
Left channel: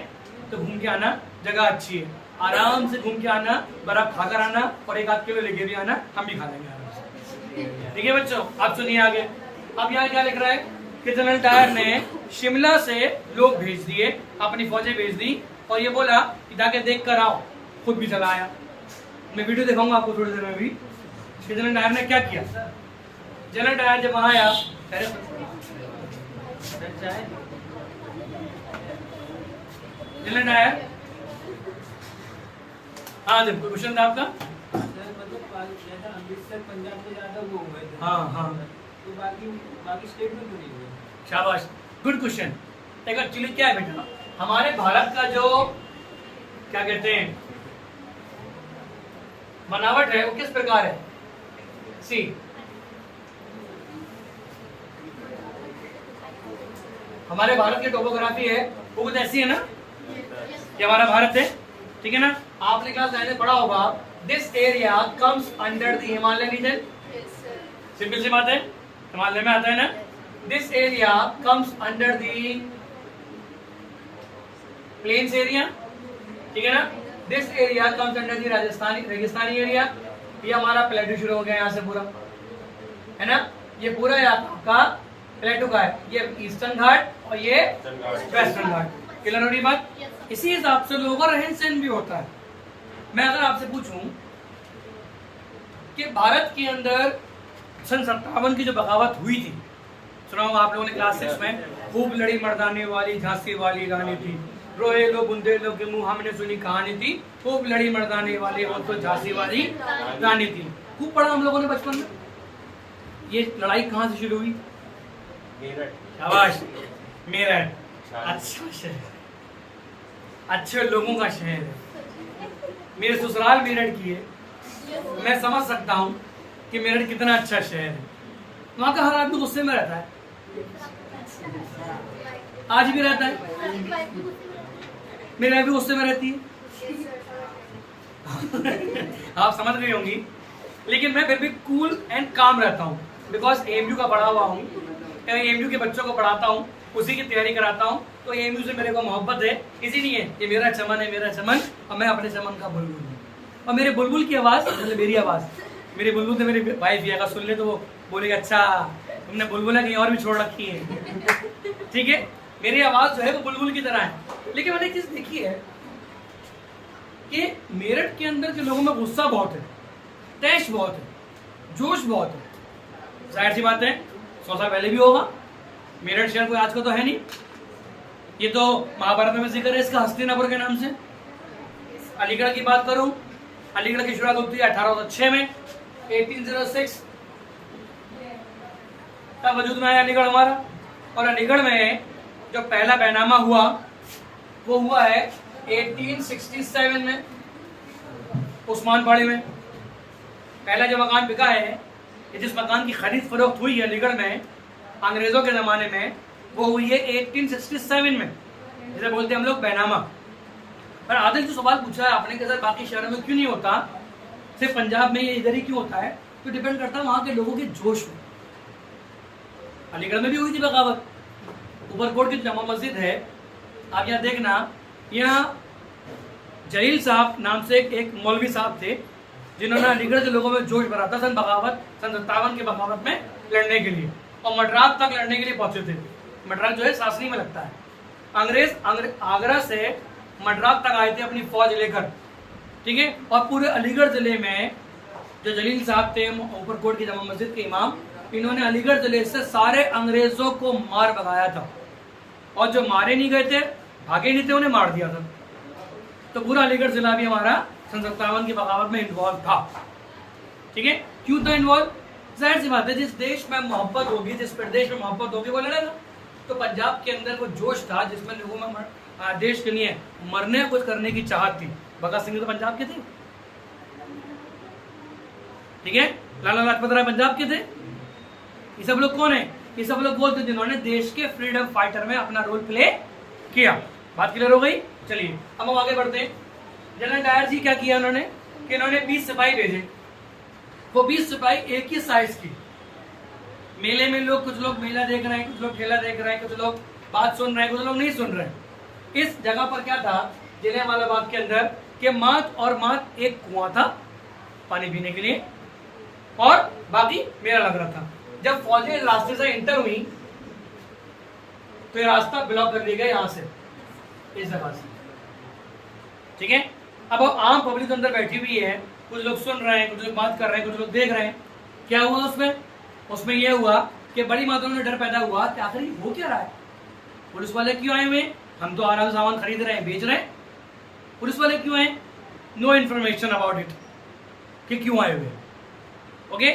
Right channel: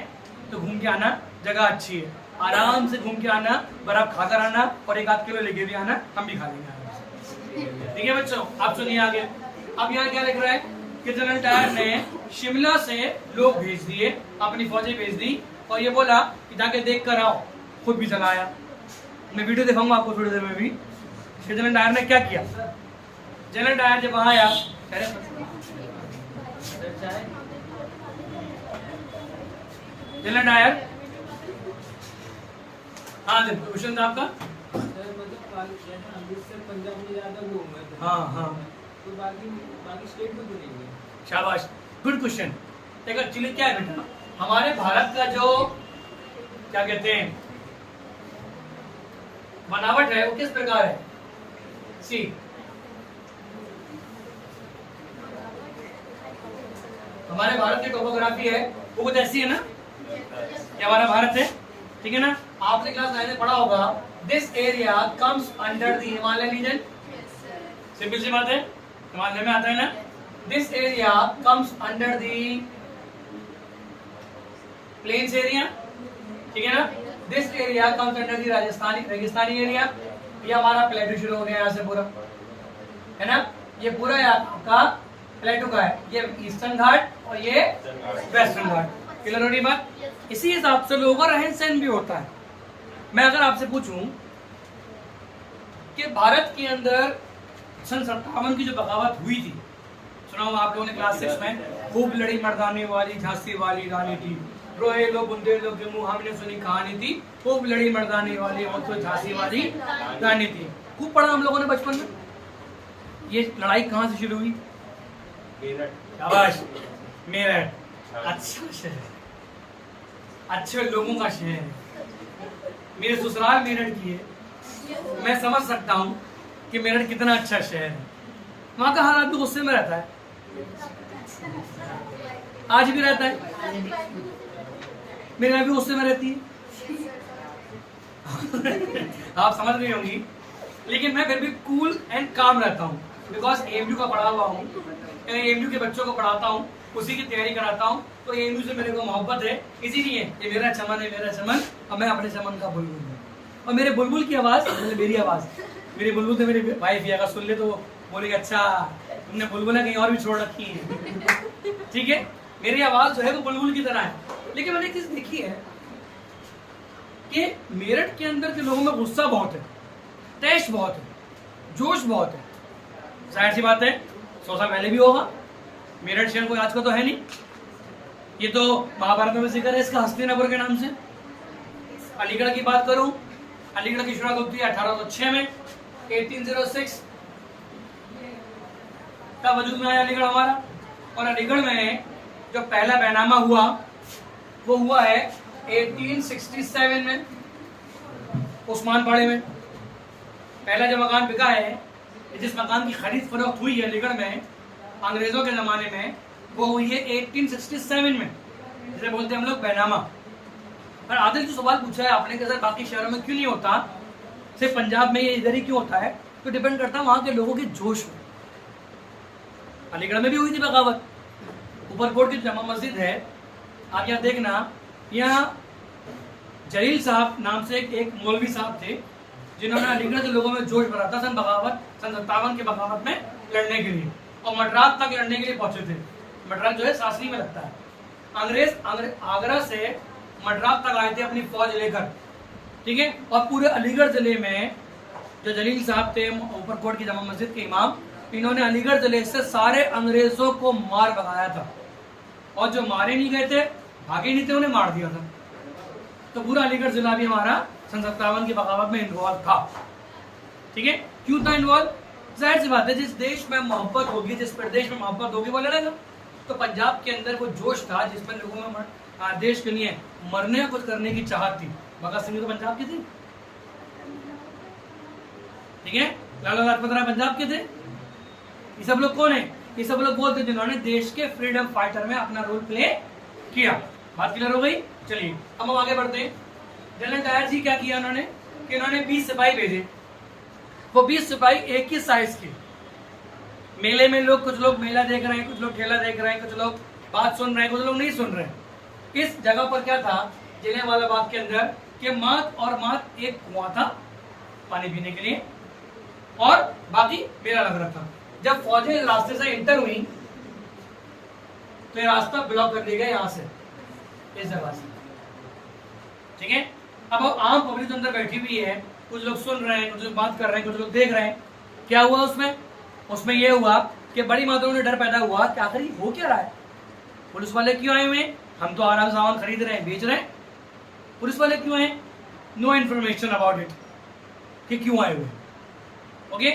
तो घूम के आना, जगह अच्छी है, आराम से घूम के आना, बर्फ खाकर आना और 1-8 किलो लेके भी आना, हम भी खा लेंगे आराम से, ठीक है बच्चों। आप सुनिए आगे। अब यहाँ क्या लिख रहा है कि जनरल डायर ने शिमला से लोग भेज दिए, अपनी फौजें भेज दी और ये बोला कि जाके देख कर आओ। खुद भी चला आया। मैं वीडियो दिखाऊंगा आपको थोड़ी देर में भी। जनरल डायर ने क्या किया? जनरल डायर जब वहां आया, जनरल डायर, हाँ देखो क्वेश्चन था आपका। हाँ हाँ शाबाश, गुड क्वेश्चन। देखो एक्चुअली क्या है बेटा, हमारे भारत का जो क्या कहते हैं बनावट है वो किस प्रकार है? सी, हमारे भारत की टोपोग्राफी है वो कुछ ऐसी है ना, ये हमारा भारत है, ठीक है ना। आपने क्लास 9 में पढ़ा होगा, this area comes under the Himalayan region. Simple सी बात है, हिमालय में आता है ना। This area comes under the plains area, ठीक है ना। This area comes under the Rajasthani रेगिस्तानी एरिया। ये हमारा प्लेटू शुरू हो गया यहाँ से पूरा, है ना। ये पूरा आपका प्लेटू का है, ये ईस्टर्न घाट और ये वेस्टर्न घाट। क्लियर हो रही बात? इसी हिसाब से लोगों का रहन सहन भी होता है। मैं अगर आपसे पूछूं कि भारत के अंदर सन 57 की जो बगावत हुई थी, सुना हो आप लोगों ने क्लास 6 में, खूब लड़ी मर्दाने वाली झांसी वाली रानी थी, रोए लो बुंदे लो के मुंह हमने सुनी कहानी थी, खूब लड़ी मर्दाने वाली वो तो झांसी वाली रानी थी। खूब पढ़ा हम लोगों ने बचपन में। ये लड़ाई कहाँ से शुरू हुई? शाबाश, मेरठ। अच्छा शहर, अच्छे लोगों का शहर है। मेरे ससुराल मेरठ की है, मैं समझ सकता हूँ कि मेरठ कितना अच्छा शहर है। वहाँ का हर आदमी गुस्से में रहता है, आज भी रहता है, मेरे भी गुस्से में रहती है। आप समझ रही होंगी, लेकिन मैं फिर भी कूल एंड काम रहता हूँ, बिकॉज एमयू का पढ़ा हुआ हूँ, एमयू के बच्चों को पढ़ाता हूँ, उसी की तैयारी कराता हूँ, तो एमयू से मेरे को मोहब्बत है। इसीलिए ये मेरा चमन है, मेरा चमन, और मैं अपने चमन का बुलबुल हूँ। और मेरे बुलबुल की आवाज़, मतलब मेरी आवाज़, मेरी बुलबुल तो मेरे भाई भी अगर सुन ले तो वो बोलेगा अच्छा तुमने बुलबुल कहीं और भी छोड़ रखी है, ठीक है। मेरी आवाज़ जो है वो बुलबुल की तरह है। लेकिन मैंने चीज़ देखी है कि मेरठ के अंदर के लोगों में गुस्सा बहुत है, तैश बहुत है, जोश बहुत है। जाहिर सी बात है, 100 साल पहले भी होगा। मेरठ शहर कोई आज का तो है नहीं, ये तो महाभारत में जिक्र है इसका हस्तिनापुर के नाम से। अलीगढ़ की बात करूं, अलीगढ़ की शुरुआत होती है 1806 में, 1806 तब वजूद में आया अलीगढ़ हमारा। और अलीगढ़ में जो पहला बैनामा हुआ वो हुआ है 1867 में, उस्मान पाड़े में। पहला जो मकान बिका है, जिस मकान की खरीद फरोख्त हुई है अलीगढ़ में अंग्रेजों के जमाने में, वो हुई है 1867 में, जिसे बोलते हैं हम लोग बैनामा। पर आदिल जो सवाल पूछा है आपने कि सर बाकी शहरों में क्यों नहीं होता, सिर्फ पंजाब में ये इधर ही क्यों होता है, तो डिपेंड करता है वहां के लोगों के जोश में। अलीगढ़ में भी हुई थी बगावत। ऊपरकोट की जमा मस्जिद है, आप यहाँ देखना, यहाँ जलील साहब नाम से एक मौलवी साहब थे जिन्होंने अलीगढ़ के लोगों में जोश भरा था सन 57 की बगावत में लड़ने के लिए, और मद्रास तक लड़ने के लिए पहुंचे थे। मद्रास जो है सासनी में लगता है। अंग्रेज आगरा से मद्रास तक आए थे अपनी फौज लेकर, ठीक है। और पूरे अलीगढ़ जिले में जो जलील साहब थे ऊपरकोट की जमा मस्जिद के इमाम, इन्होंने अलीगढ़ जिले से सारे अंग्रेजों को मार भगाया था, और जो मारे नहीं गए थे, भागे नहीं थे, उन्हें मार दिया था। तो पूरा अलीगढ़ जिला भी हमारा सन 57 की बगावत में इन्वॉल्व था, ठीक है। क्यों था इन्वॉल्व? जाहिर सी बात है, जिस देश में मोहब्बत होगी, जिस प्रदेश में मोहब्बत होगी वो लड़ेगा। तो पंजाब के अंदर वो जोश था जिसमें लोगों में देश के लिए मरने कुछ करने की चाहत थी। भगत सिंह तो पंजाब के थे, ठीक है। लाला लाजपत राय पंजाब के थे। ये सब लोग कौन है? ये सब लोग वो थे जिन्होंने देश के फ्रीडम फाइटर में अपना रोल प्ले किया। बात क्लियर हो गई? चलिए अब हम आगे बढ़ते हैं। जनरल डायर जी क्या किया उन्होंने कि इन्होंने 20 सिपाही भेजे। वो 20 सिपाही एक ही साइज की। मेले में लोग, कुछ लोग मेला देख रहे हैं, कुछ लोग ठेला देख रहे हैं, कुछ लोग बात सुन रहे हैं, कुछ लोग नहीं सुन रहे हैं। इस जगह पर क्या था जलियांवाला बाग के अंदर कि मात और मात एक कुआं था पानी पीने के लिए, और बाकी मेला लग रहा था। जब फौजें रास्ते से इंटर हुई तो ये रास्ता ब्लॉक कर दिया गया यहाँ से, इस जगह से, ठीक है। अब आम पब्लिक अंदर बैठी हुई है, कुछ लोग सुन रहे हैं, कुछ लोग बात कर रहे हैं, कुछ लोग देख रहे हैं। क्या हुआ उसमें? उसमें यह हुआ कि बड़ी मात्रा में डर पैदा हुआ कि आखिर हो क्या रहा है, पुलिस वाले क्यों आए हुए हैं, हम तो आराम से सामान खरीद रहे हैं, बेच रहे हैं, पुलिस वाले क्यों आए? नो इन्फॉर्मेशन अबाउट इट कि क्यों आए हुए। ओके,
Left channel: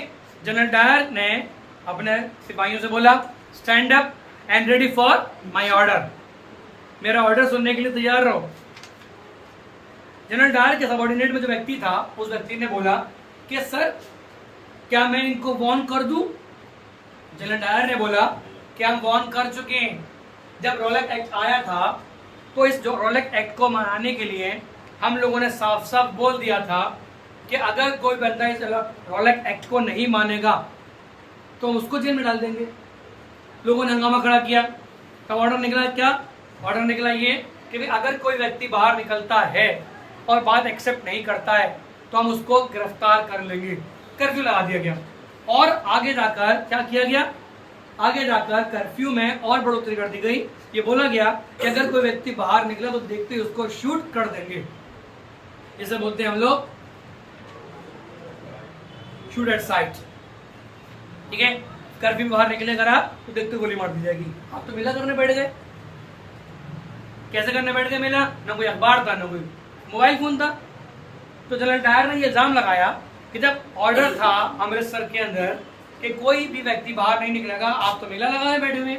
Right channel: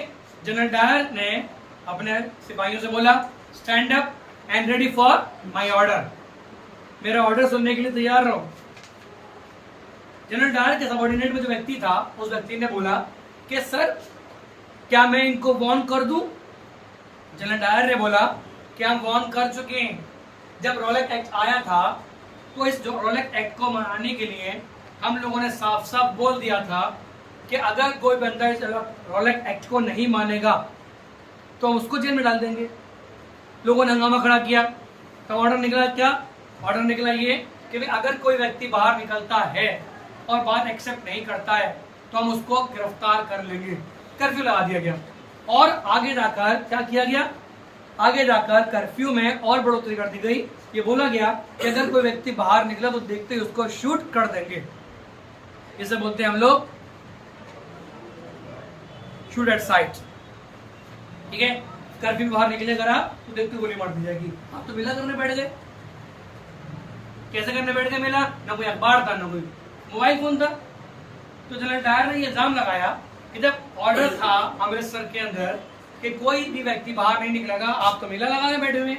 जनरल डायर ने अपने सिपाहियों से बोला, stand up and ready for my order, मेरा ऑर्डर सुनने के लिए तैयार रहो। जनरल डायर के सबॉर्डिनेट में जो व्यक्ति था, उस व्यक्ति ने बोला कि सर क्या मैं इनको वार्न कर दूं? जनरल डायर ने बोला कि हम वार्न कर चुके हैं। जब रोलेट एक्ट आया था तो इस जो रोलेट एक्ट को मनाने के लिए हम लोगों ने साफ साफ बोल दिया था कि अगर कोई बंदा इस रोलेट एक्ट को नहीं मानेगा तो हम उसको जेल में डाल देंगे। लोगों ने हंगामा खड़ा किया। तो ऑर्डर निकला क्या? ऑर्डर निकला ये कि अगर कोई व्यक्ति बाहर निकलता है और बात एक्सेप्ट नहीं करता है तो हम उसको गिरफ्तार कर लेंगे। कर्फ्यू लगा दिया गया। और आगे जाकर क्या किया गया? आगे जाकर कर्फ्यू में और बढ़ोतरी कर दी गई। ये बोला गया कि अगर कोई व्यक्ति बाहर निकला तो देखते ही उसको शूट कर देंगे। इसे बोलते हैं हम लोग शूट एट साइट, ठीक है। कर्फ्यू में बाहर निकले अगर आप तो देखते गोली मार दी जाएगी। आप तो मेला करने बैठ गए। कैसे करने बैठ गए मेला? ना कोई अखबार था, ना कोई मोबाइल फोन था। तो जनरल डायर ने यह इल्जाम लगाया कि जब ऑर्डर था अमृतसर के अंदर कि कोई भी व्यक्ति बाहर नहीं निकलेगा, आप तो मेला लगाने बैठे हुए।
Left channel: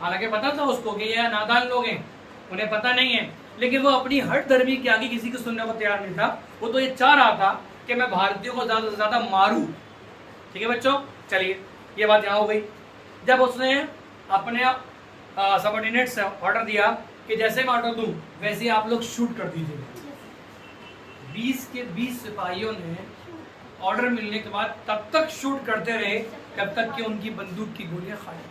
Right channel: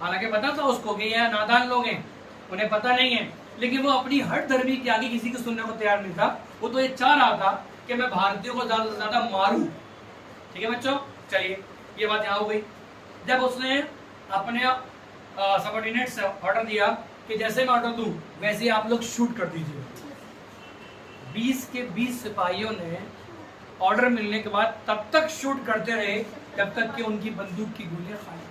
हालांकि पता था उसको कि ये नादान लोग हैं, उन्हें पता नहीं है, लेकिन वो अपनी हट धर्मी के आगे किसी को सुनने को तैयार नहीं था। वो तो ये चाह रहा था कि मैं भारतीयों को ज्यादा से ज्यादा मारूं, ठीक है बच्चों। चलिए ये बात यहाँ हो गई। जब उसने अपने सबऑर्डिनेट से ऑर्डर दिया कि जैसे मैं ऑर्डर दूं वैसे आप लोग शूट कर दीजिए। 20 के 20 सिपाहियों ने ऑर्डर मिलने के बाद तब तक शूट करते रहे जब तक कि उनकी बंदूक की गोलियां खाली।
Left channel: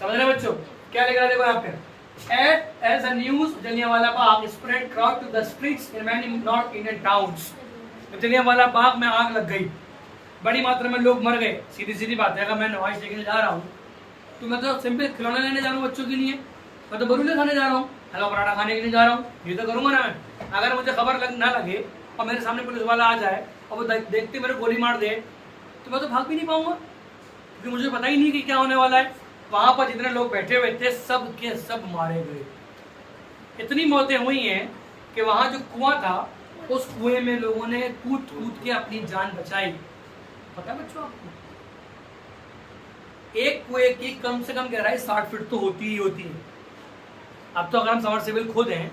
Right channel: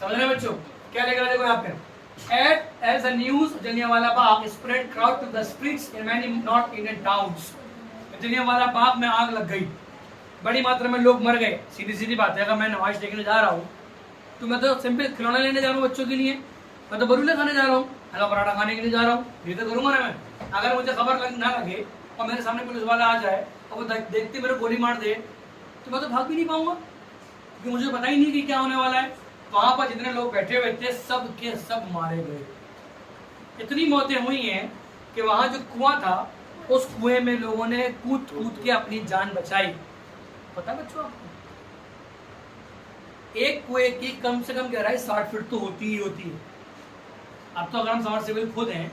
समझ रहे बच्चों? क्या लिखा देखो यहाँ पे, as a news Jallianwala Bagh spread crowd to the streets in many North Indian towns। तो जलियांवाला बाग में आग लग गई, बड़ी मात्रा में लोग मर गए। सीधी सीधी बात है, अगर मैं नमाज देखने जा रहा हूँ तो मैं तो सिंपल खिलौना लेने जा रहा हूँ बच्चों के लिए, मैं तो बरूले खाने जा रहा हूँ, हलवा पराठा खाने के लिए जा रहा हूँ, ये तो करूंगा ना मैं। अगर मुझे खबर ना लगे और मेरे सामने पुलिस वाला आ जाए और वो देखते मेरे गोली मार दे तो मैं तो भाग भी नहीं पाऊंगा, क्योंकि मुझे पता ही नहीं कि क्या होने वाला है। वहां पर जितने लोग बैठे हुए थे सब के सब मारे गए। इतनी मौतें हुई हैं कि वहां जो कुआं था उस कुएं में लोगों ने कूद कूद के अपनी जान बचाई। पता है बच्चों आपको, एक कुएं की कम से कम गहराई 60 फीट तो होती ही होती है। अब तो अगर हम समरसेबल खोदें,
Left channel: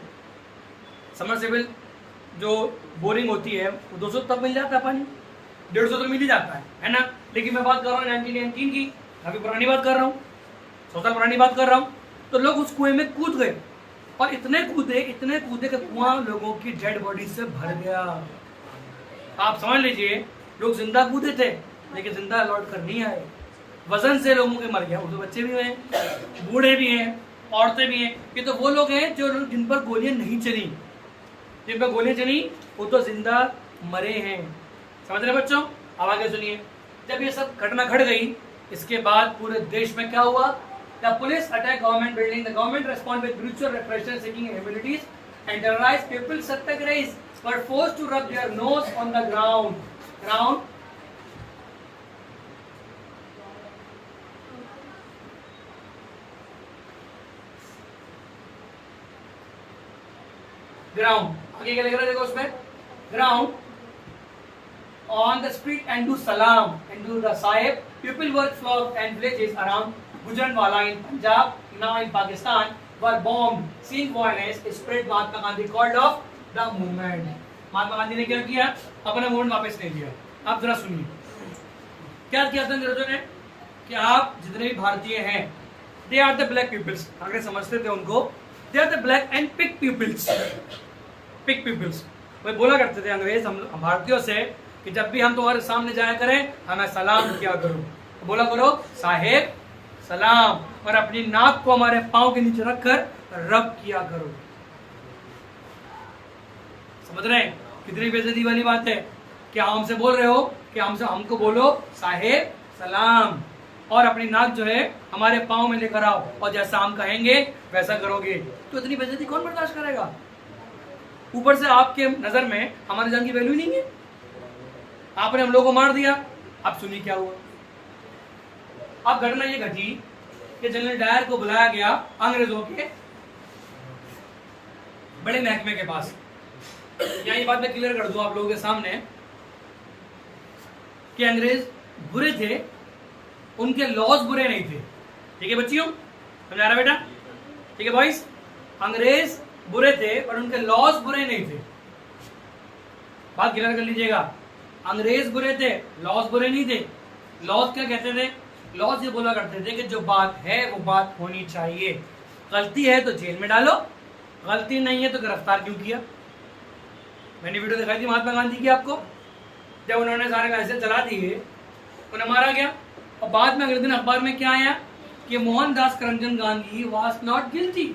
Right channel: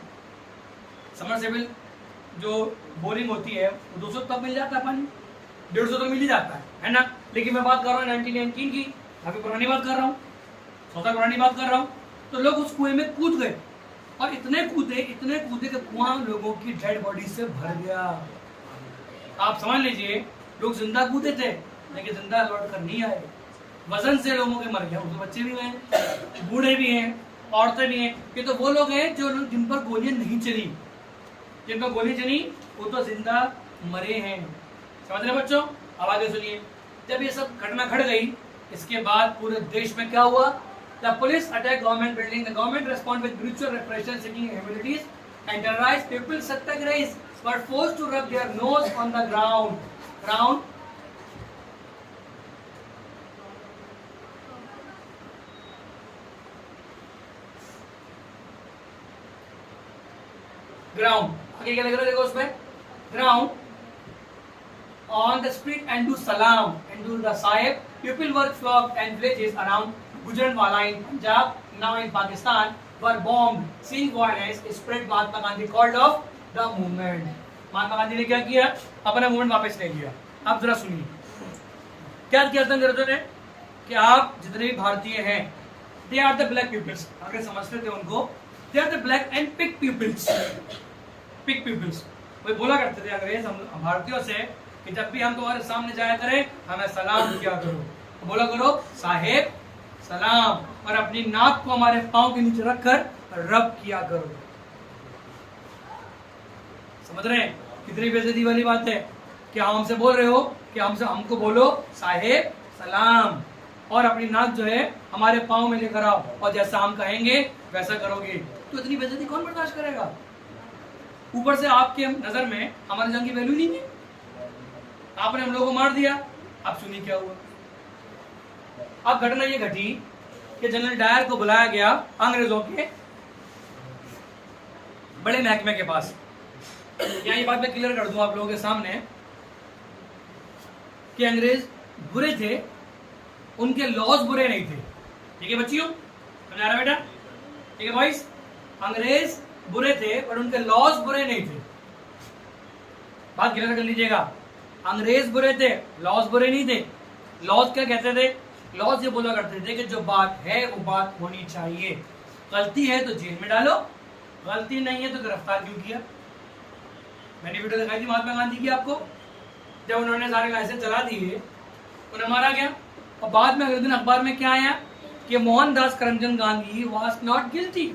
समरसेबल जो बोरिंग होती है वो 200 तक मिल जाता है पानी, 150 तो मिल ही जाता है ना। लेकिन मैं बात कर रहा हूँ 1919 की, अभी पुरानी बात कर रहा हूँ, 100 साल पुरानी बात कर रहा हूँ। तो लोग उस कुएं में कूद गए और इतने कूदे कि कुआं लोगों की डेड बॉडी से भर गया। आप समझ लीजिए, लोग जिंदा कूदे थे लेकिन जिंदा लौट कर नहीं आए, वजन से लोगों के मर गया। वो तो बच्चे भी हैं, बूढ़े भी हैं, औरतें भी हैं। ये तो वो लोग हैं जो लोग जिन पर गोलियां नहीं चली, जिन पर गोलियां चली वो तो जिंदा मरे हैं। समझ रहे बच्चों? अब आगे सुनिए। जब ये सब घटना घट गई, इसके बाद पूरे देश में क्या हुआ? The police attack government building, the government respond with brutal repression seeking humanities and terrorised people satyagrahis were forced to rub their nose on the ground आगे क्या लिख रहा है देखो उसमें, ground on the street and do salam and do the sahib. People were flocked and villages around Gujranwala in Punjab, now in Pakistan, were bombed. Seeing violence spread, Mahatma Gandhi called off the movement. Mahatma Gandhi ने क्या किया? अपना movement वापस ले लिया। आप जरा सुनिए क्या किया था अंग्रेजों ने कि आप जितने भी भारतीय हैं, they are the black peoples, अगर समझते थे उनको, they are the black and pig peoples. Pig peoples वो बोला करते थे अंग्रेज हम भारतीयों से कि जब भी हम तुम्हारे सामने जाया करें हमें सलाम किया करो, तो बोला करो साहेब सलाम, और अपनी नाक को हमारे पांव के नीचे रखकर रब किया करो। समझ रहे हैं कितनी बेइज्जती वाली बात है? क्या हमसे बोल रहे हो कि हमको बोलो साहेब सलाम, और अपनी नाक जो है हमारे पांव में लेकर आओ, और जैसा हम कहेंगे वैसा करोगे। तो इतनी बेइज्जती कौन बर्दाश्त करेगा? ऊपर से आपके नजर में हमारी जान की वैल्यू नहीं है, आपने हम लोगों को मार दिया। अब सुनिए क्या हुआ। अब घटना ये घटी कि जनरल डायर को बुलाया गया अंग्रेजों के बड़े महकमे के पास। यहाँ ये बात मैं क्लियर कर दूं आप लोगों के सामने कि अंग्रेज बुरे थे, उनके लॉज बुरे नहीं थे। ठीक है बच्चियों, समझ आ रहा बेटा? ठीक है बॉयज, अंग्रेज बुरे थे पर उनके लॉज बुरे नहीं थे। बात क्लियर कर लीजिएगा, अंग्रेज बुरे थे, लॉज बुरे नहीं थे। लॉज क्या कहते थे? लॉज ये बोला करते थे कि जो बात है वो बात होनी चाहिए, गलती है तो जेल में डालो, गलती नहीं है तो गिरफ्तार क्यों किया। मैंने वीडियो दिखाई थी महात्मा गांधी की आपको, जब उन्होंने सारे लाइसेंस चला दिए उन्हें मारा गया, और बाद में अगले दिन अखबार में क्या आया कि Mohandas Karamchand Gandhi was not guilty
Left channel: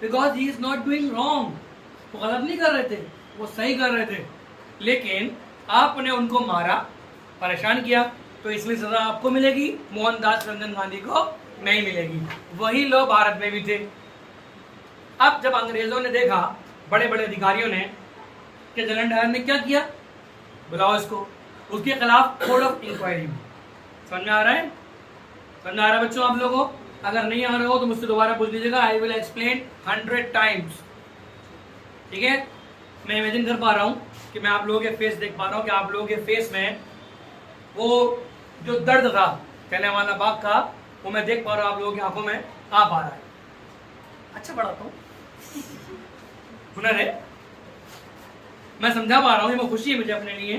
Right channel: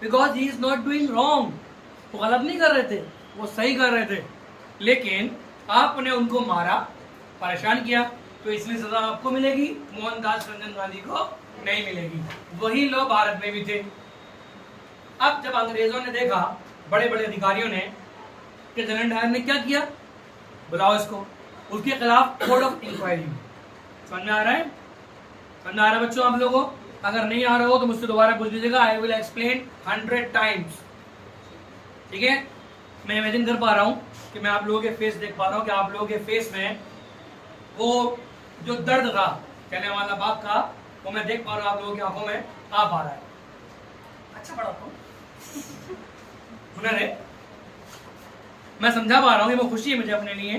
because he is not doing wrong. वो गलत नहीं कर रहे थे, वो सही कर रहे थे, लेकिन आपने उनको मारा, परेशान किया, तो इसलिए सजा आपको मिलेगी, मोहनदास करमचंद गांधी को नहीं मिलेगी। वही लोग भारत में भी थे। अब जब अंग्रेजों ने देखा, बड़े बड़े अधिकारियों ने, कि जनरल डायर ने क्या किया, बुलाओ इसको, उसके खिलाफ कोड ऑफ इंक्वायरी में। समझ में आ रहा है? समझ में आ रहा है बच्चों आप लोगों? अगर नहीं आ रहा हो तो मुझसे दोबारा पूछ लीजिएगा, आई विल एक्सप्लेन 100 टाइम्स। ठीक है? मैं इमेजिन कर पा रहा हूं कि मैं आप लोगों के फेस देख पा रहा हूं कि आप लोगों के फेस में वो जो दर्द था कहने वाला बाप का, वो मैं देख पा रहा हूं आप लोगों की आंखों में आ पा रहा है। अच्छा बड़ा तो हुनर है, मैं समझा पा रहा हूं, ये वो खुशी है मुझे अपने लिए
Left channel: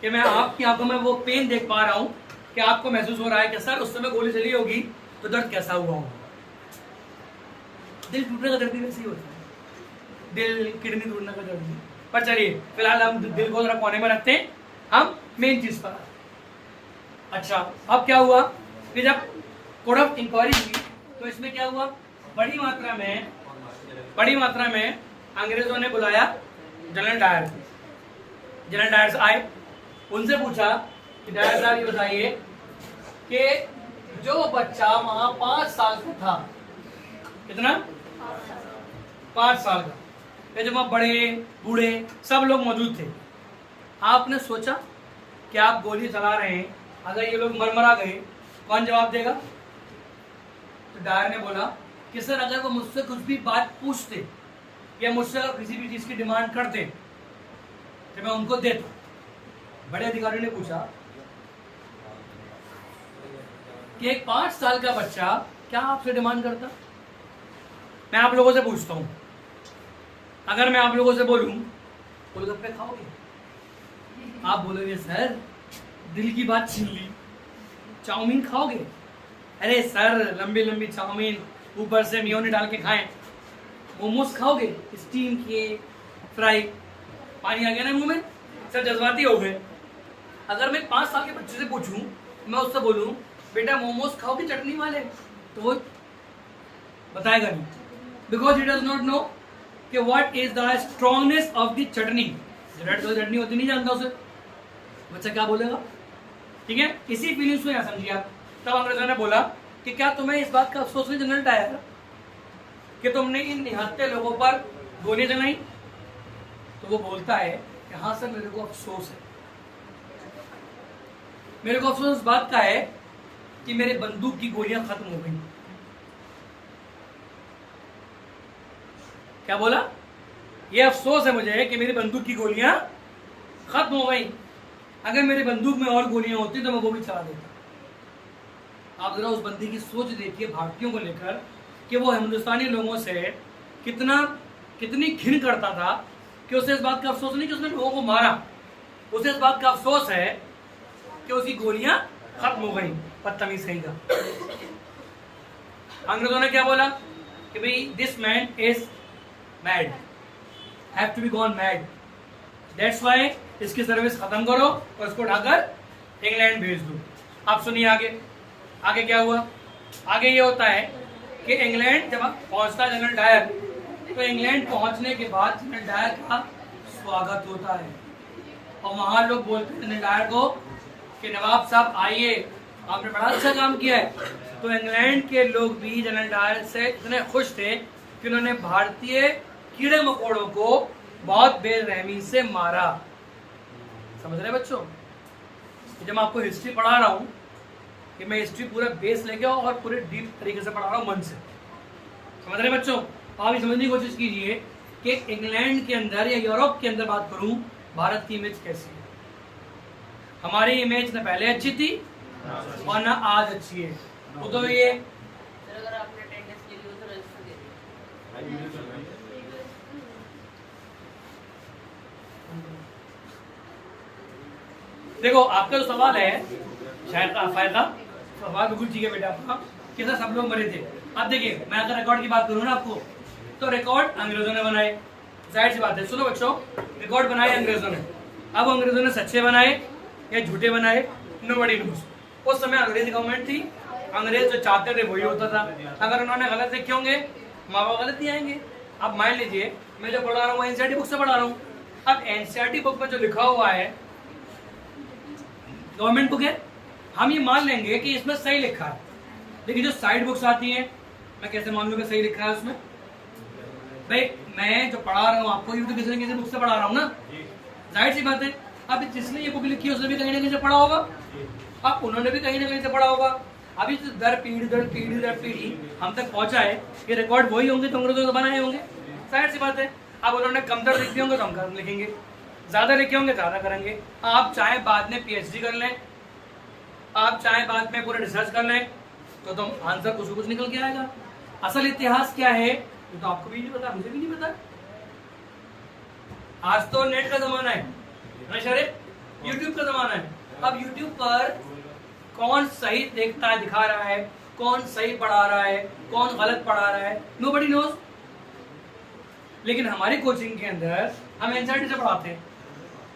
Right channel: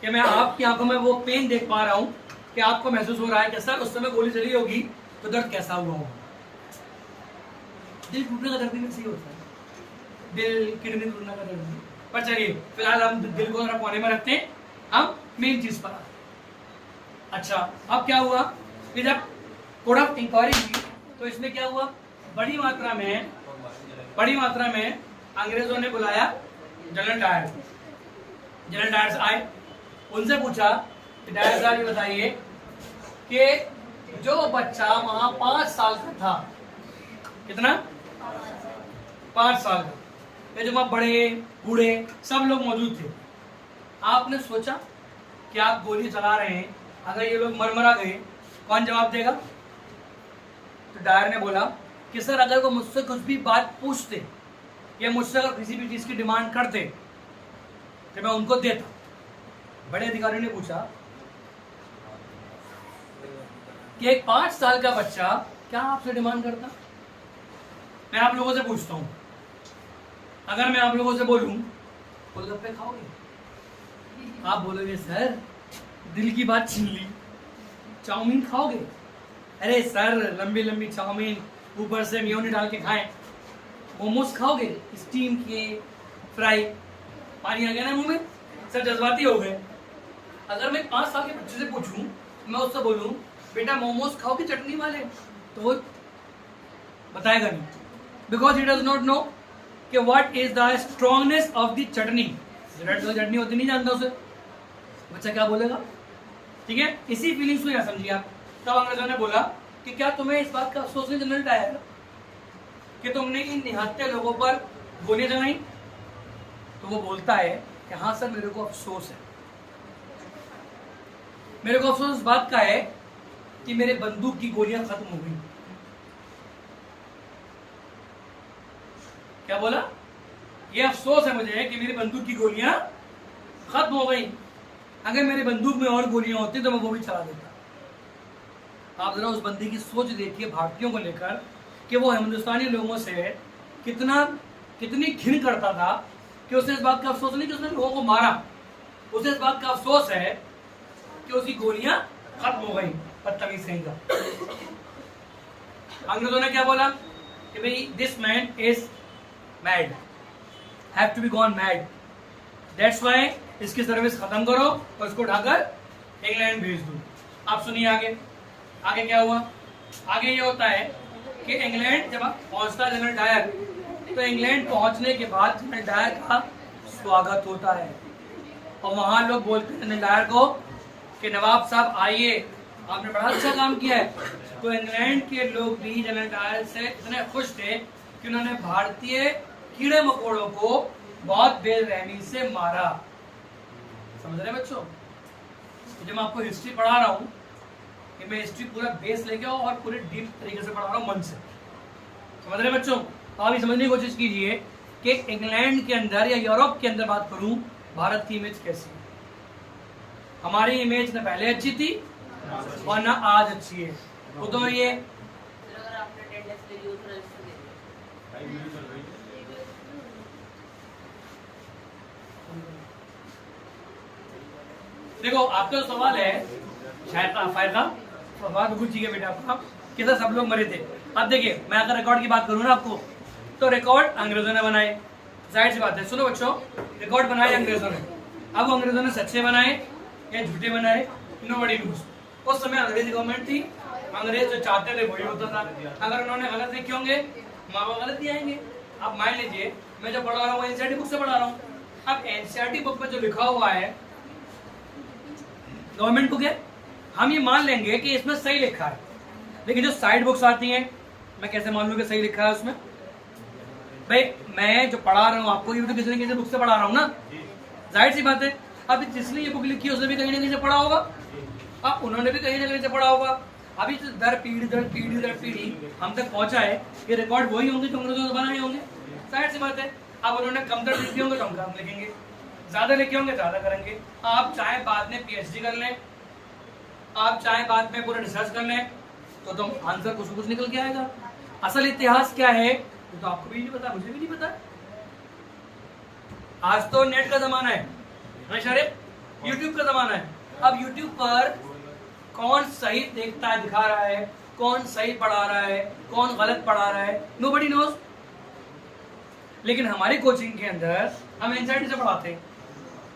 कि मैं आपकी आंखों में वो पेन देख पा रहा हूं कि आपको महसूस हो रहा है कि सर उस समय गोली चली होगी तो दर्द कैसा हुआ होगा। दिल टूटने का दर्द भी वैसे ही होता है, दिल किडनी टूटने का दर्द भी। पर चलिए फिलहाल हम दिल को जरा कोने में रखते हैं, हम मेन चीज पर। अच्छा अब क्या हुआ कि जब कोड ऑफ इंक्वायरी की तो इसमें क्या हुआ, बड़ी मात्रा में अंग्रेजों ने बुलाया जनरल डायर को। जनरल डायर आए, उनसे पूछा कि डायर साहब ये बताइए कि जो बच्चा वहां 5 साल का था, कितना, 5 साल का, जब वहां बड़े बूढ़े सब लोग मौजूद थे, आपने सोचा कि आप गोली चला रहे हैं, अगर ये लोग मरमरा गए कौन जवाब देगा? तो डायर ने बोला कि सर अगर वो मुझसे कुछ भी बात पूछते या मुझसे अगर किसी भी चीज की डिमांड करते तो मैं उनको देता। बड़े अधिकारी ने पूछा कि एक 5 साल का बच्चा क्या आपसे डिमांड करता? मैं आप लोगों से पूछता हूं, अगर मैं आप लोगों से बोलूं गोलगप्पे खाओगे, आप बोलोगे सर दिल की बात छीन ली। चाउमीन खाओगे, अरे सर लंबी लंबी चाउमीन ऊपर से मेयोनी डाल के खाएं। मोमोज खाओगे, स्टीम किए फ्राई, पानी आ गया ना मुंह में, सर जज्बाती हो गए। अगर मैं 5 साल के बच्चे से पूछूं, मैं उससे बोलूं बेटा मोमोज खाओगे चटनी वाले, तो वो बताएगा नहीं, because he does not know कि what is the strongness of the chutney. Red colour chutney होती नहीं जानता उसे, बच्चा क्या बोलेगा? ठीक है, इसी फीलिंग्स को क्या समझिए आप। तब अंग्रेजों ने बोला कि क्या तुम्हें इस बात का अफसोस नहीं जनरल डायर कि तुमने इन निहत्थे लोगों पर गोलियां चलाई? तो वो बोलता है कि हाँ सर मेरे को अफसोस है, मेरे को अफसोस इस बात का है कि मेरे बंदूक की गोलियां खत्म हो गई। क्या बोला? ये अफसोस है मुझे कि मेरी बंदूक की गोलियां खत्म हो गई, अगर मेरे बंदूक में और गोलियां होती तो मैं वो भी चला देता। आप जरा उस बंदी की सोच देखिए भारतीयों को लेकर कि वो हिंदुस्तानी लोगों से कितनी घिन करता था कि उसे इस बात का अफसोस नहीं कि उसने लोगों को मारा, उसे इस बात का अफसोस है कि उसकी गोलियां खत्म हो गई। बदतमीज कहीं का। अंग्रेजों ने क्या बोला कि भाई this man is mad, have to be gone mad, that's why इसकी सर्विस खत्म करो और इसको उठाकर इंग्लैंड भेज दो। आप सुनिए आगे, आगे क्या हुआ? आगे ये होता है कि इंग्लैंड जब पहुंचता है जनरल डायर, तो इंग्लैंड पहुंचने के बाद जनरल डायर का स्वागत होता है और वहां लोग बोलते हैं जनरल डायर को कि नवाब साहब आइए, आपने बड़ा अच्छा काम किया है। तो इंग्लैंड के लोग भी जनरल डायर से इतने खुश थे कि उन्होंने भारतीय कीड़े मकोड़ों को बहुत बेरहमी से मारा। समझ रहे बच्चों? तो जब मैं आपको हिस्ट्री पढ़ा रहा हूं कि मैं हिस्ट्री पूरा बेस लेके और पूरे डीप तरीके से पढ़ा रहा हूं मन से। समझ रहे बच्चों? आप ये समझने की कोशिश कीजिए कि इंग्लैंड के अंदर या यूरोप के अंदर बात करूं, भारत की इमेज कैसी है। हमारी इमेज न पहले अच्छी थी और न आज अच्छी है। वो तो ये अगर आपने अटेंडेंस ले ली हो तो रजिस्टर दे दिया। देखो आपका जो सवाल है शायद फायदा सवाल बिल्कुल ठीक है बेटा आपका कि सर सब लोग मरे थे। अब देखिए मैं अगर रिकॉर्ड की बात करूँ ना आपको, तो रिकॉर्ड अंग्रेजों ने बनाए, जाहिर सी बात है। सुनो बच्चों, रिकॉर्ड बनाए अंग्रेजों ने। अब अंग्रेजों ने सच्चे बनाए या झूठे बनाए, नोबडी नोस। उस समय अंग्रेज गवर्नमेंट थी, अंग्रेज जो चाहते थे वही होता था। अगर उन्होंने गलत लिखे होंगे माँ बाप गलत ही आएंगे। अब मान लीजिए मैं जो पढ़ा रहा हूँ एनसीईआरटी बुक से पढ़ा रहा हूँ। अब एनसीईआरटी बुक में जो लिखा हुआ है गवर्नमेंट बुक है, हम ये मान लेंगे कि इसमें सही लिखा है। लेकिन जो साइड बुक्स आती हैं मैं कैसे मान लूं कि सही लिखा है उसमें? भाई मैं जो पढ़ा रहा हूँ आपको, ये तो किसी न किसी बुक से पढ़ा रहा हूँ ना, जाहिर सी बात है। अब जिसने ये बुक लिखी है उसने भी कहीं ना कहीं से पढ़ा होगा, अब उन्होंने भी कहीं ना कहीं से पढ़ा होगा। अभी जो दर पीढ़ी हम तक पहुंचा है, ये रिकॉर्ड वही होंगे जो अंग्रेजों ने बनाए होंगे, जाहिर सी बात है। अब उन्होंने कमतर लिखे होंगे तो हम कम लिखेंगे, ज्यादा लिखे होंगे ज्यादा करेंगे। आप चाहे बाद में पीएचडी कर लें, आप चाहे बाद में पूरा रिसर्च कर लें, तो तुम आंसर कुछ निकल के आएगा। असल इतिहास क्या है ये तो आपको भी नहीं पता, मुझे भी नहीं पता। आज तो नेट का जमाना है, यूट्यूब का जमाना है। अब यूट्यूब पर कौन सही देखता है, दिखा रहा है, कौन सही पढ़ा रहा है, कौन गलत पढ़ा रहा है, नोबडी नोज। लेकिन हमारी कोचिंग के अंदर हम एनसीईआरटी से पढ़ाते हैं,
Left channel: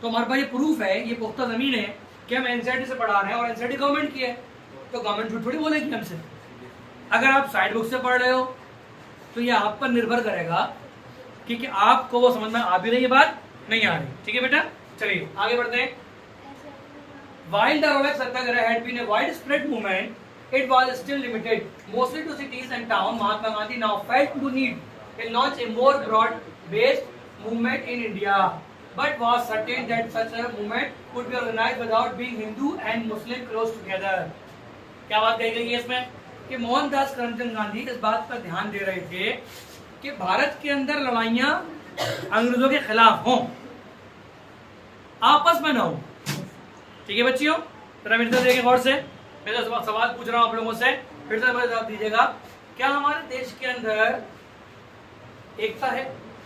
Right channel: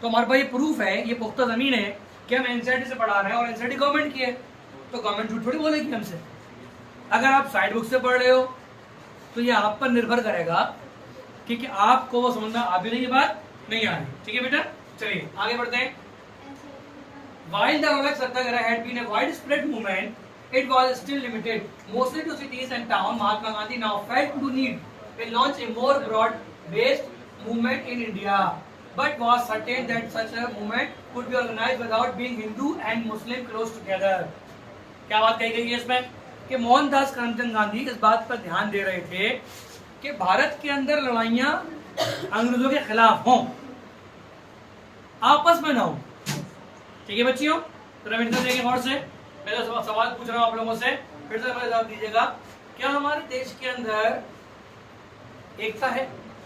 तो हमारे पास ये प्रूफ है, ये पुख्ता जमीन है कि हम एनसीईआरटी से पढ़ा रहे हैं और एनसीईआरटी गवर्नमेंट की है, तो गवर्नमेंट झूठ थोड़ी बोलेगी हमसे। अगर आप साइड बुक से पढ़ रहे हो तो ये आप पर निर्भर करेगा कि आपको वो समझना आ भी रही है बात नहीं आ रही। ठीक है बेटा, चलिए आगे बढ़ते हैं। While the Rolex Satyagraha had been a widespread movement, it was still limited mostly to cities and towns. Mahatma Gandhi now felt to need to launch a more broad-based movement in India. but was certain that such a movement could be organized without being Hindu and Muslim close together. क्या बात कही गई है इसमें कि मोहनदास करमचंद गांधी इस बात पर ध्यान दे रहे थे कि भारत के अंदर लड़ाइयां अंग्रेजों के खिलाफ हों, आपस में ना हो। ठीक है बच्चियों, जरा मेरे तरफ देखिए गौर से, पहले सवाल पूछ रहा हूं आप लोगों से, फिर से जवाब दीजिएगा। क्या हमारे देश के अंदर एकता है?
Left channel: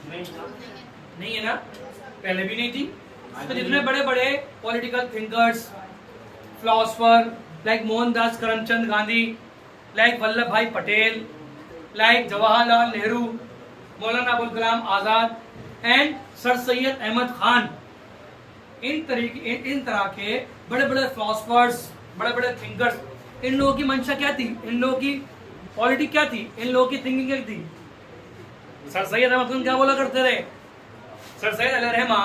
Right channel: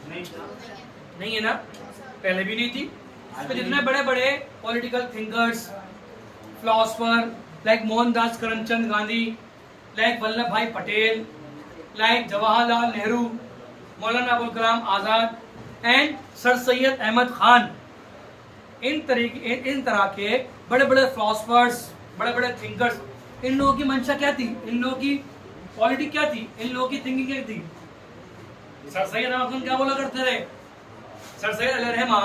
नहीं है ना, पहले भी नहीं थी। तो जितने बड़े बड़े political thinkers, philosopher like Mohandas Karamchand Gandhi, like Vallabh भाई Patel, like Jawaharlal Nehru, Maulana Abul Kalam Azad and sir Syed Ahmad Khan, इन तरह के बड़े बड़े फिलोसफर्स, बड़े बड़े थिंकर्स, इन लोगों की मंशा क्या थी, इन लोगों की पॉलिटिक्स क्या थी, इन लोगों की थिंकिंग क्या थी? सर सैयद अहमद खान क्या बोला करते थे? सर सैयद अली रहमा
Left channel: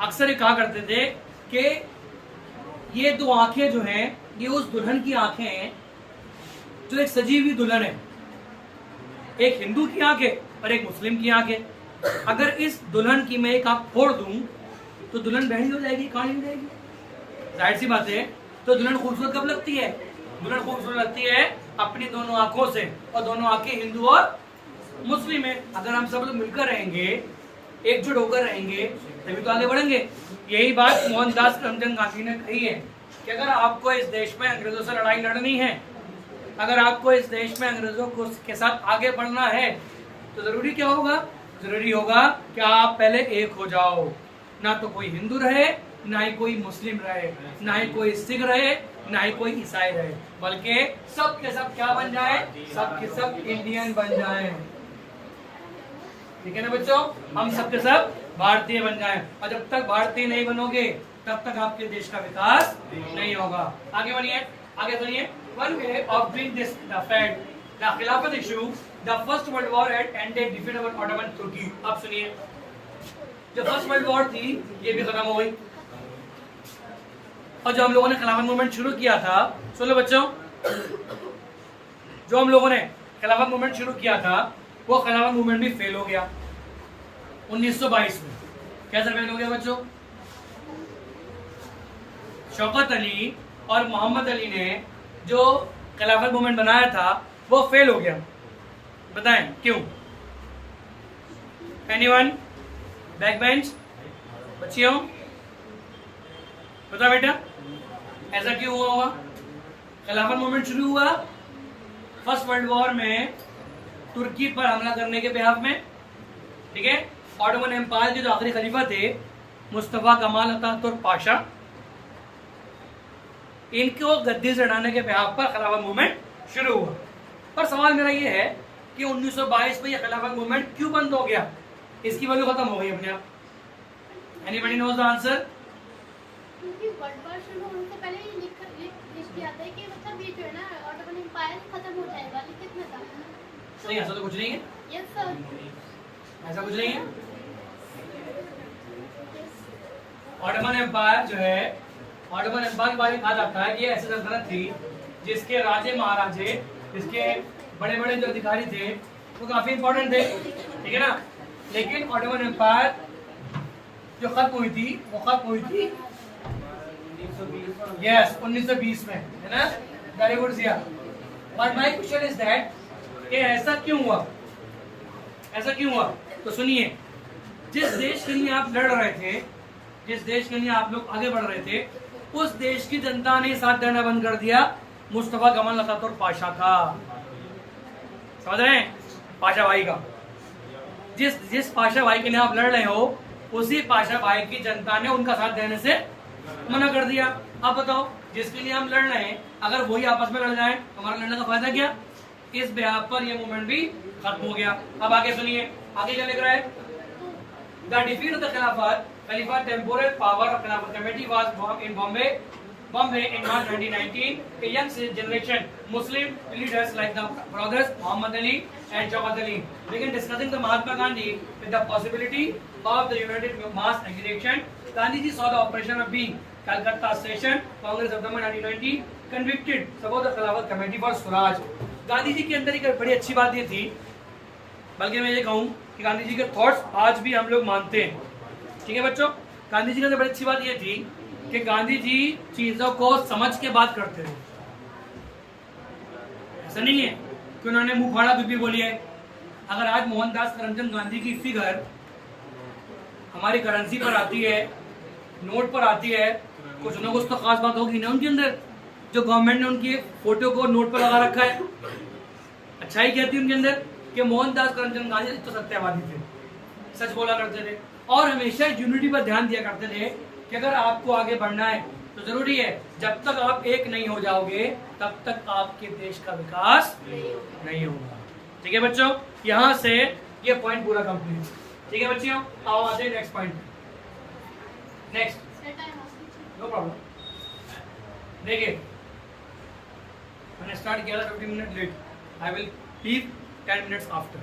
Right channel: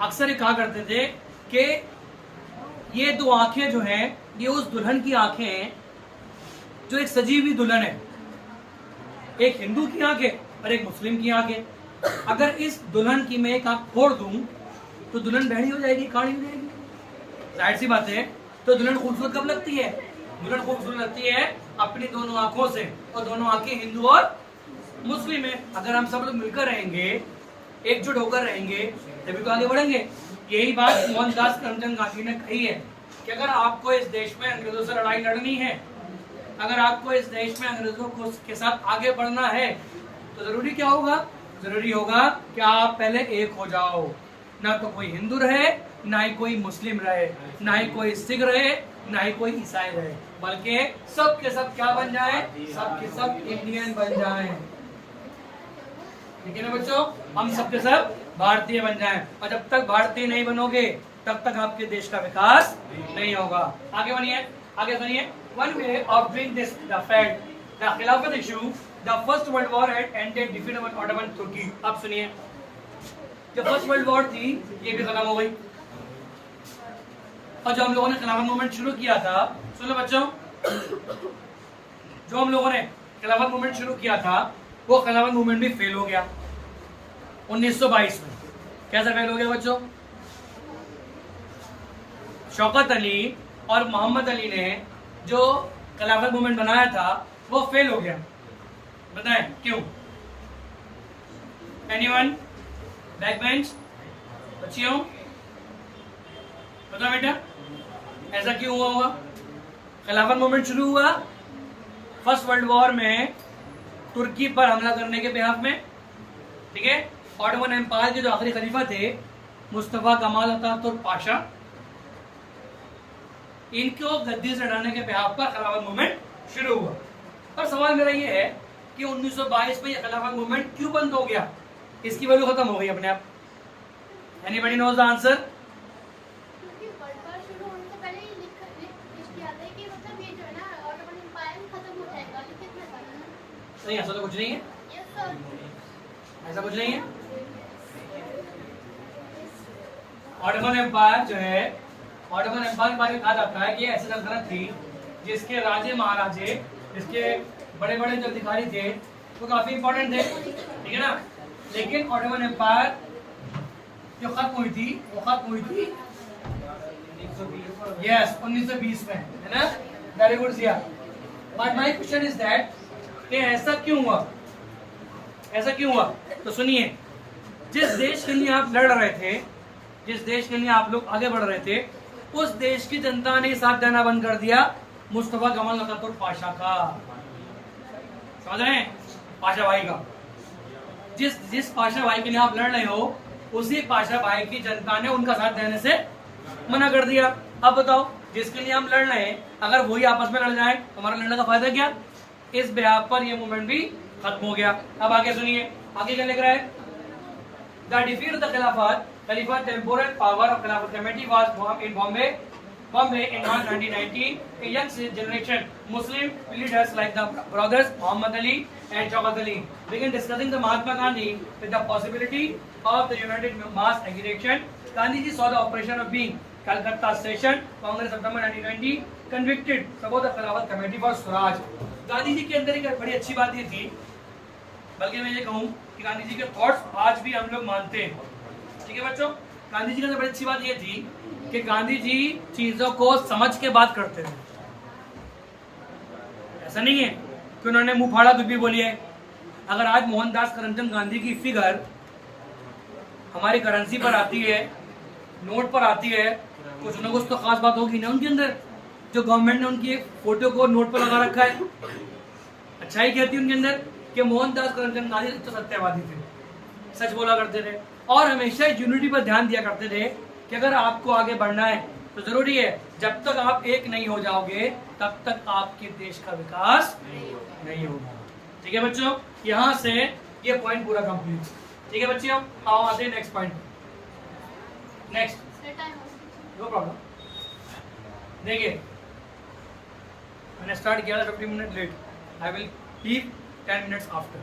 अक्सर ये कहा करते थे कि ये दो आंखें जो हैं ये उस दुल्हन की आंखें हैं जो एक सजी हुई दुल्हन है, एक हिंदू की आंखें और एक मुस्लिम की आंखें। अगर इस दुल्हन की मैं एक आंख फोड़ दूं तो दुल्हन बहनी हो जाएगी, काणी हो जाएगी, जाहिर सी बात है। तो दुल्हन खूबसूरत कब लगती है? दुल्हन खूबसूरत लगती है अपनी दोनों आंखों से, और दोनों आंखें हिंदू और मुस्लिम है। अगर हम सब लोग मिलकर रहेंगे, एकजुट होकर रहेंगे, तभी तो आगे बढ़ेंगे। यही बात मोहनदास करमचंद गांधी ने कही है कि अगर आपको इस देश में अंग्रेजों से लड़ाई लड़नी है, अगर आपको इस देश में अंग्रेजों के साथ आगे बढ़ना है, तो जरूरी क्या होगा? जरूरी होगा कि आप पहले एक हो जाओ। ना तो कोई हिंदू रहे, ना ही कोई मुस्लिम रहे, ना ही कोई सिख रहे, ना ही कोई ईसाई रहे, बल्कि सब के सब क्या बन जाए? सब के सब इंडियन बन जाए। ठीक है ना बच्चों, हम सब के सब भारतीय बन जाएं। और जब तक भारतीय नहीं बनोगे तब तक आपके देश का विकास नहीं होगा। आगे बनिए, आगे सुनिए। One way of doing this, the fact, the Khilafat issue, the First World War had ended defeat of Ottoman Turkey. अब सुनिए, जो फर्स्ट वर्ल्ड वॉर थी ये भी खत्म हो गई, और जो हम लोगों ने खिलाफत मूवमेंट शुरू किया था, सुनो बच्चों, जो हम लोगों ने खिलाफत मूवमेंट शुरू किया था वो खिलाफत मूवमेंट भी फेल हो गया 1922 में। कैसे फेल हो गया बच्चों? शौकत अली और मोहम्मद अली ने जो खिलाफत मूवमेंट बनाया था वो फेल हो गया। बताएं क्यों? एनीवन? बैक बेंच बच्चियों, बताओ बेटा, ऐसा क्यों हुआ होगा? खिलाफत मूवमेंट शुरू हुआ फर्स्ट वर्ल्ड वॉर में तुर्की पर हमला करने के बिहाफ में, ठीक है। ऑटोमन एम्पायर के जो आखिरी खलीफा थे मुस्तफा कमाल अतातुर्क पाशा, इनको गद्दी से हटाने के बिहाफ पर खिलाफत मूवमेंट शुरू हुआ। पर सवाल मेरा ये है कि 1922 में ये खिलाफत मूवमेंट क्यों बंद हो गया? इसकी वैल्यू खत्म हो गई अपने आप। Anybody knows the answer? क्योंकि वर्ल्ड वॉर शुरू होने से पहले ये लिख किया था कि मतलब ये जो है ना ऑटोमन एम्पायर खत्म हो जाएगा, लेकिन में था नहीं, ऐसा तो कुछ नहीं है। यस सर, ऐसा कुछ नहीं है। ऑटोमन एम्पायर जो है, ऑटोमन एम्पायर के बारे में कहा जाता है कि ऐसी सल्तनत थी जिसके राजे महाराजे, जिसके बड़े बड़े जो अधिकारी थे वो काफी इंपॉर्टेंट थे, ठीक है ना। लेकिन ऑटोमन एम्पायर जो खत्म हुई थी वो खत्म हुई थी यस 1920 में, है ना। Very good Siya. But my question is that कि ऐसा क्यों हुआ? ऐसा क्यों हुआ? तो सुनिए, जिस देश के लिए आप लड़ रहे थे, जिस देश के लिए आप लोग आगे बढ़ रहे थे, उस देश की जनता ने साथ देना बंद कर दिया मुस्तफा कमाल अतातुर्क पाशा का। समझ रहे हैं? पाशा भाई का, जिस पाशा भाई के लिए आप लड़ रहे हो, उसी पाशा भाई की जनता ने उनका साथ देने से मना कर दिया। अब बताओ, जिसके लिए हम लड़ रहे हैं अगर वही आपस में लड़ जाए, हमारा लड़ने का फायदा क्या? इस बिहाफ पर यह मूवमेंट भी खत्म हो गया। अब आगे सुनिए, आगे क्या लिख रहा है? द डिफीट ऑफ द खिलाफत Khalifa temporal power of Khilafat committee was formed in Bombay in March 1919. A young generation Muslim leaders like the brothers Muhammad Ali and Shaukat Ali began discussing the Mahatma Gandhi with the possibility of the united mass agitation. Gandhi ji saw the operation of being Calcutta Session Congress September 1920 convicted support the Khilafat committee for Swaraj. Gandhi ji के अंदर एक बड़ी अच्छी बात ये थी, बल्कि मैं ये कहूँ कि गांधी जी के थॉट्स आज भी हम लोग मानते हैं, ठीक है बच्चों। गांधी जी का तो बड़ी अच्छी बात ये थी कि गांधी जी चीजों को समझ के बात करते थे। ऐसा नहीं है कि उन्होंने मुंह फाड़ा कुछ भी बोली है। अगर आज मोहनदास करमचंद गांधी की फिगर हमारी करेंसी पर आती है, नोट पर आती है, कुछ ना कुछ तो खास बात होगी ना उनके अंदर, जो गवर्नमेंट ने उनकी फोटो को नोट पर लगा रखा है। अच्छाई कहती है उनके अंदर कि मोहनदास करमचंद गांधी तो सत्यवादी थे, सच बोला करते थे और हमेशा यूनिटी पर ध्यान दिया करते थे कि अगर आपको आगे बढ़ना है तो जरूरी है जब तक आप एक नहीं हो जाओगे तब तक आपके देश का विकास नहीं होगा। ठीक है बच्चों, यहाँ से ये पॉइंट पूरा कंप्लीट। ठीक है बच्चों, आओ आते हैं next point. Next, no problem. देखिए मैंने स्टार्ट किया था 50 minute late, I will leave 10 minutes after.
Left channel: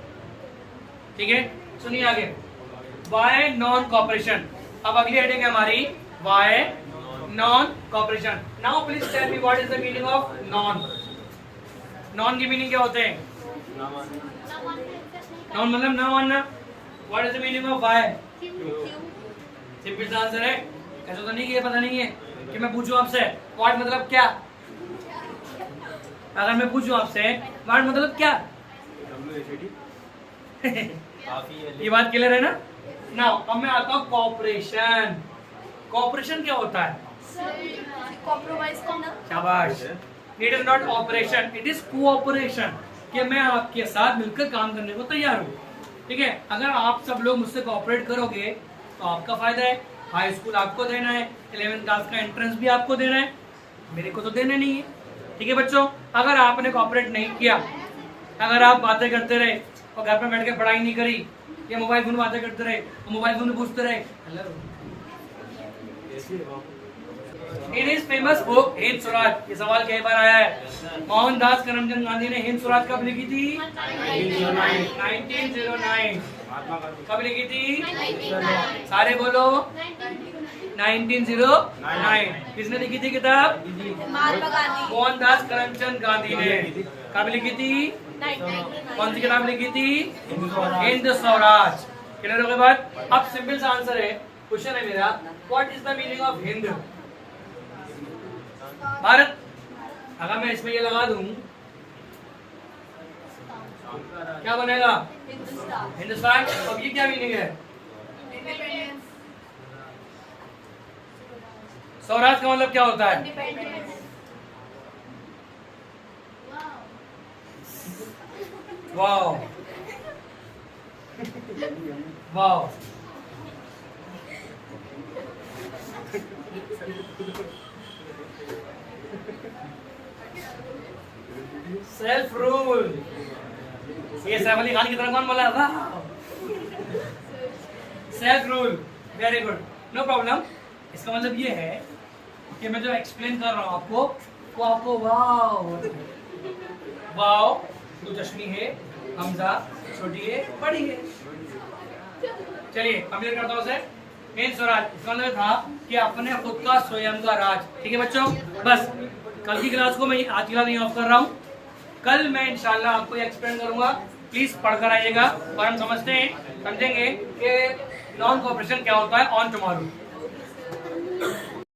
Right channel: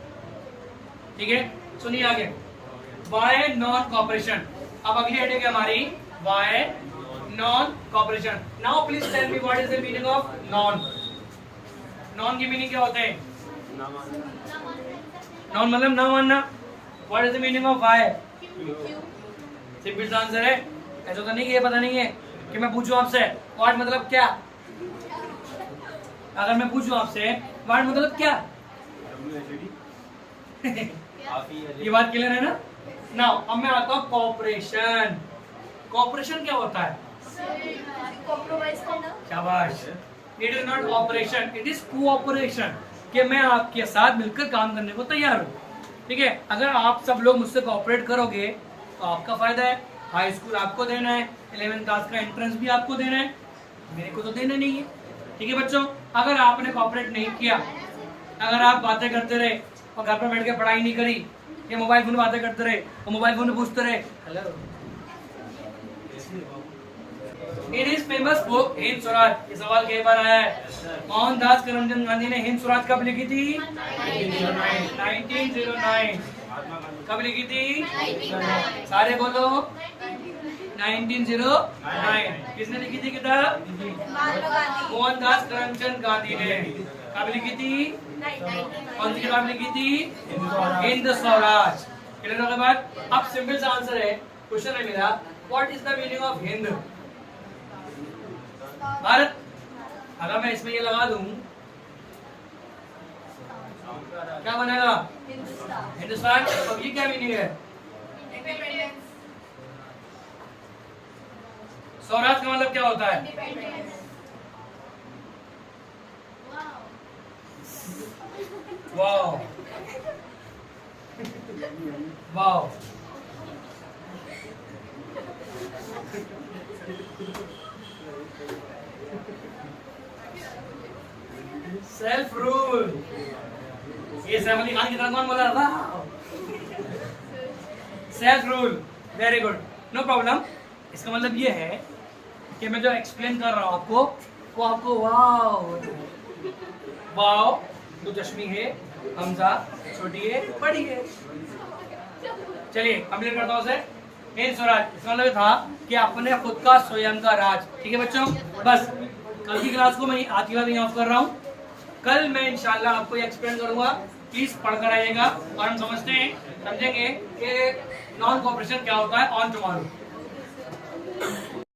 ठीक है, सुनिए आगे। Why non cooperation. अब अगली हेडिंग है हमारी why non cooperation. Now please tell me what is the meaning of non. Non की मीनिंग क्या होते हैं? नॉन मतलब ना मानना। What is the meaning of why? Simple answer है, ऐसा तो नहीं कि ये पता नहीं है कि मैं पूछूं आपसे व्हाट मतलब क्या। अगर मैं पूछूं आपसे व्हाट मतलब क्या ये बात क्लियर है ना? नाउ अब मैं आता हूं कॉपरेशन। कॉपरेशन क्या होता है? कॉम्प्रोमाइज करना। शाबाश। It is not operation, it is cooperation, कि मैं आपके साथ मिलकर काम करने को तैयार हूँ। ठीक है, अगर आप सब लोग मुझसे कोऑपरेट करोगे तो आपका फायदा है। हाई स्कूल आपको देना है, 11th क्लास का एंट्रेंस भी आपको देना है, मेरे को तो देना नहीं है। ठीक है बच्चों, अगर आपने कोऑपरेट नहीं किया, अगर आप बातें करते रहे और घर पे बैठ के पढ़ाई नहीं करी, या मोबाइल फोन में बातें करते रहे और मोबाइल फोन में पूछते रहे hello. In his famous book Hind Swaraj, ये सवाल कई बार आया है। मोहनदास करमचंद गांधी ने हिंद स्वराज कब लिखी थी? 1909। कब लिखी थी? सारे बोलो 1909। किसने लिखी थी किताब? मोहनदास करमचंद गांधी ने। कब लिखी थी? कौन सी किताब लिखी थी? हिंद स्वराज। क्लियर हो गई बात? अब सिंपल सा आंसर है, क्वेश्चन है मेरा, what is the meaning of Hind? Bharat. अगर मैं इसमें ये लगा दूं क्या बनेगा? हिंदुस्तान। अब ये क्या मीनिंग है? स्वराज का मतलब क्या होता है? Wow wow. Self rule. ये सैफ अली खान की तरह कौन बोला था? Self rule. Very good, no problem. इसका मतलब ये है कि मैं जो एक्सप्लेन कर रहा हूं आपको वो आपको वाओ वाओ मुजस्मी है, हमजा छोटी है बड़ी है। चलिए कंप्लीट करता हूं उसे। हिंद स्वराज इसका मतलब था कि अपने खुद का स्वयं का राज। ठीक है बच्चों, बस कल की क्लास को मैं आज की क्लास नहीं ऑफ कर रहा हूँ। कल मैं इंशाल्लाह आपको ये एक्सप्लेन करूंगा, प्लीज पढ़कर आइएगा और हम समझेंगे कि नॉन कोऑपरेशन क्या होता है ऑन टुमारो।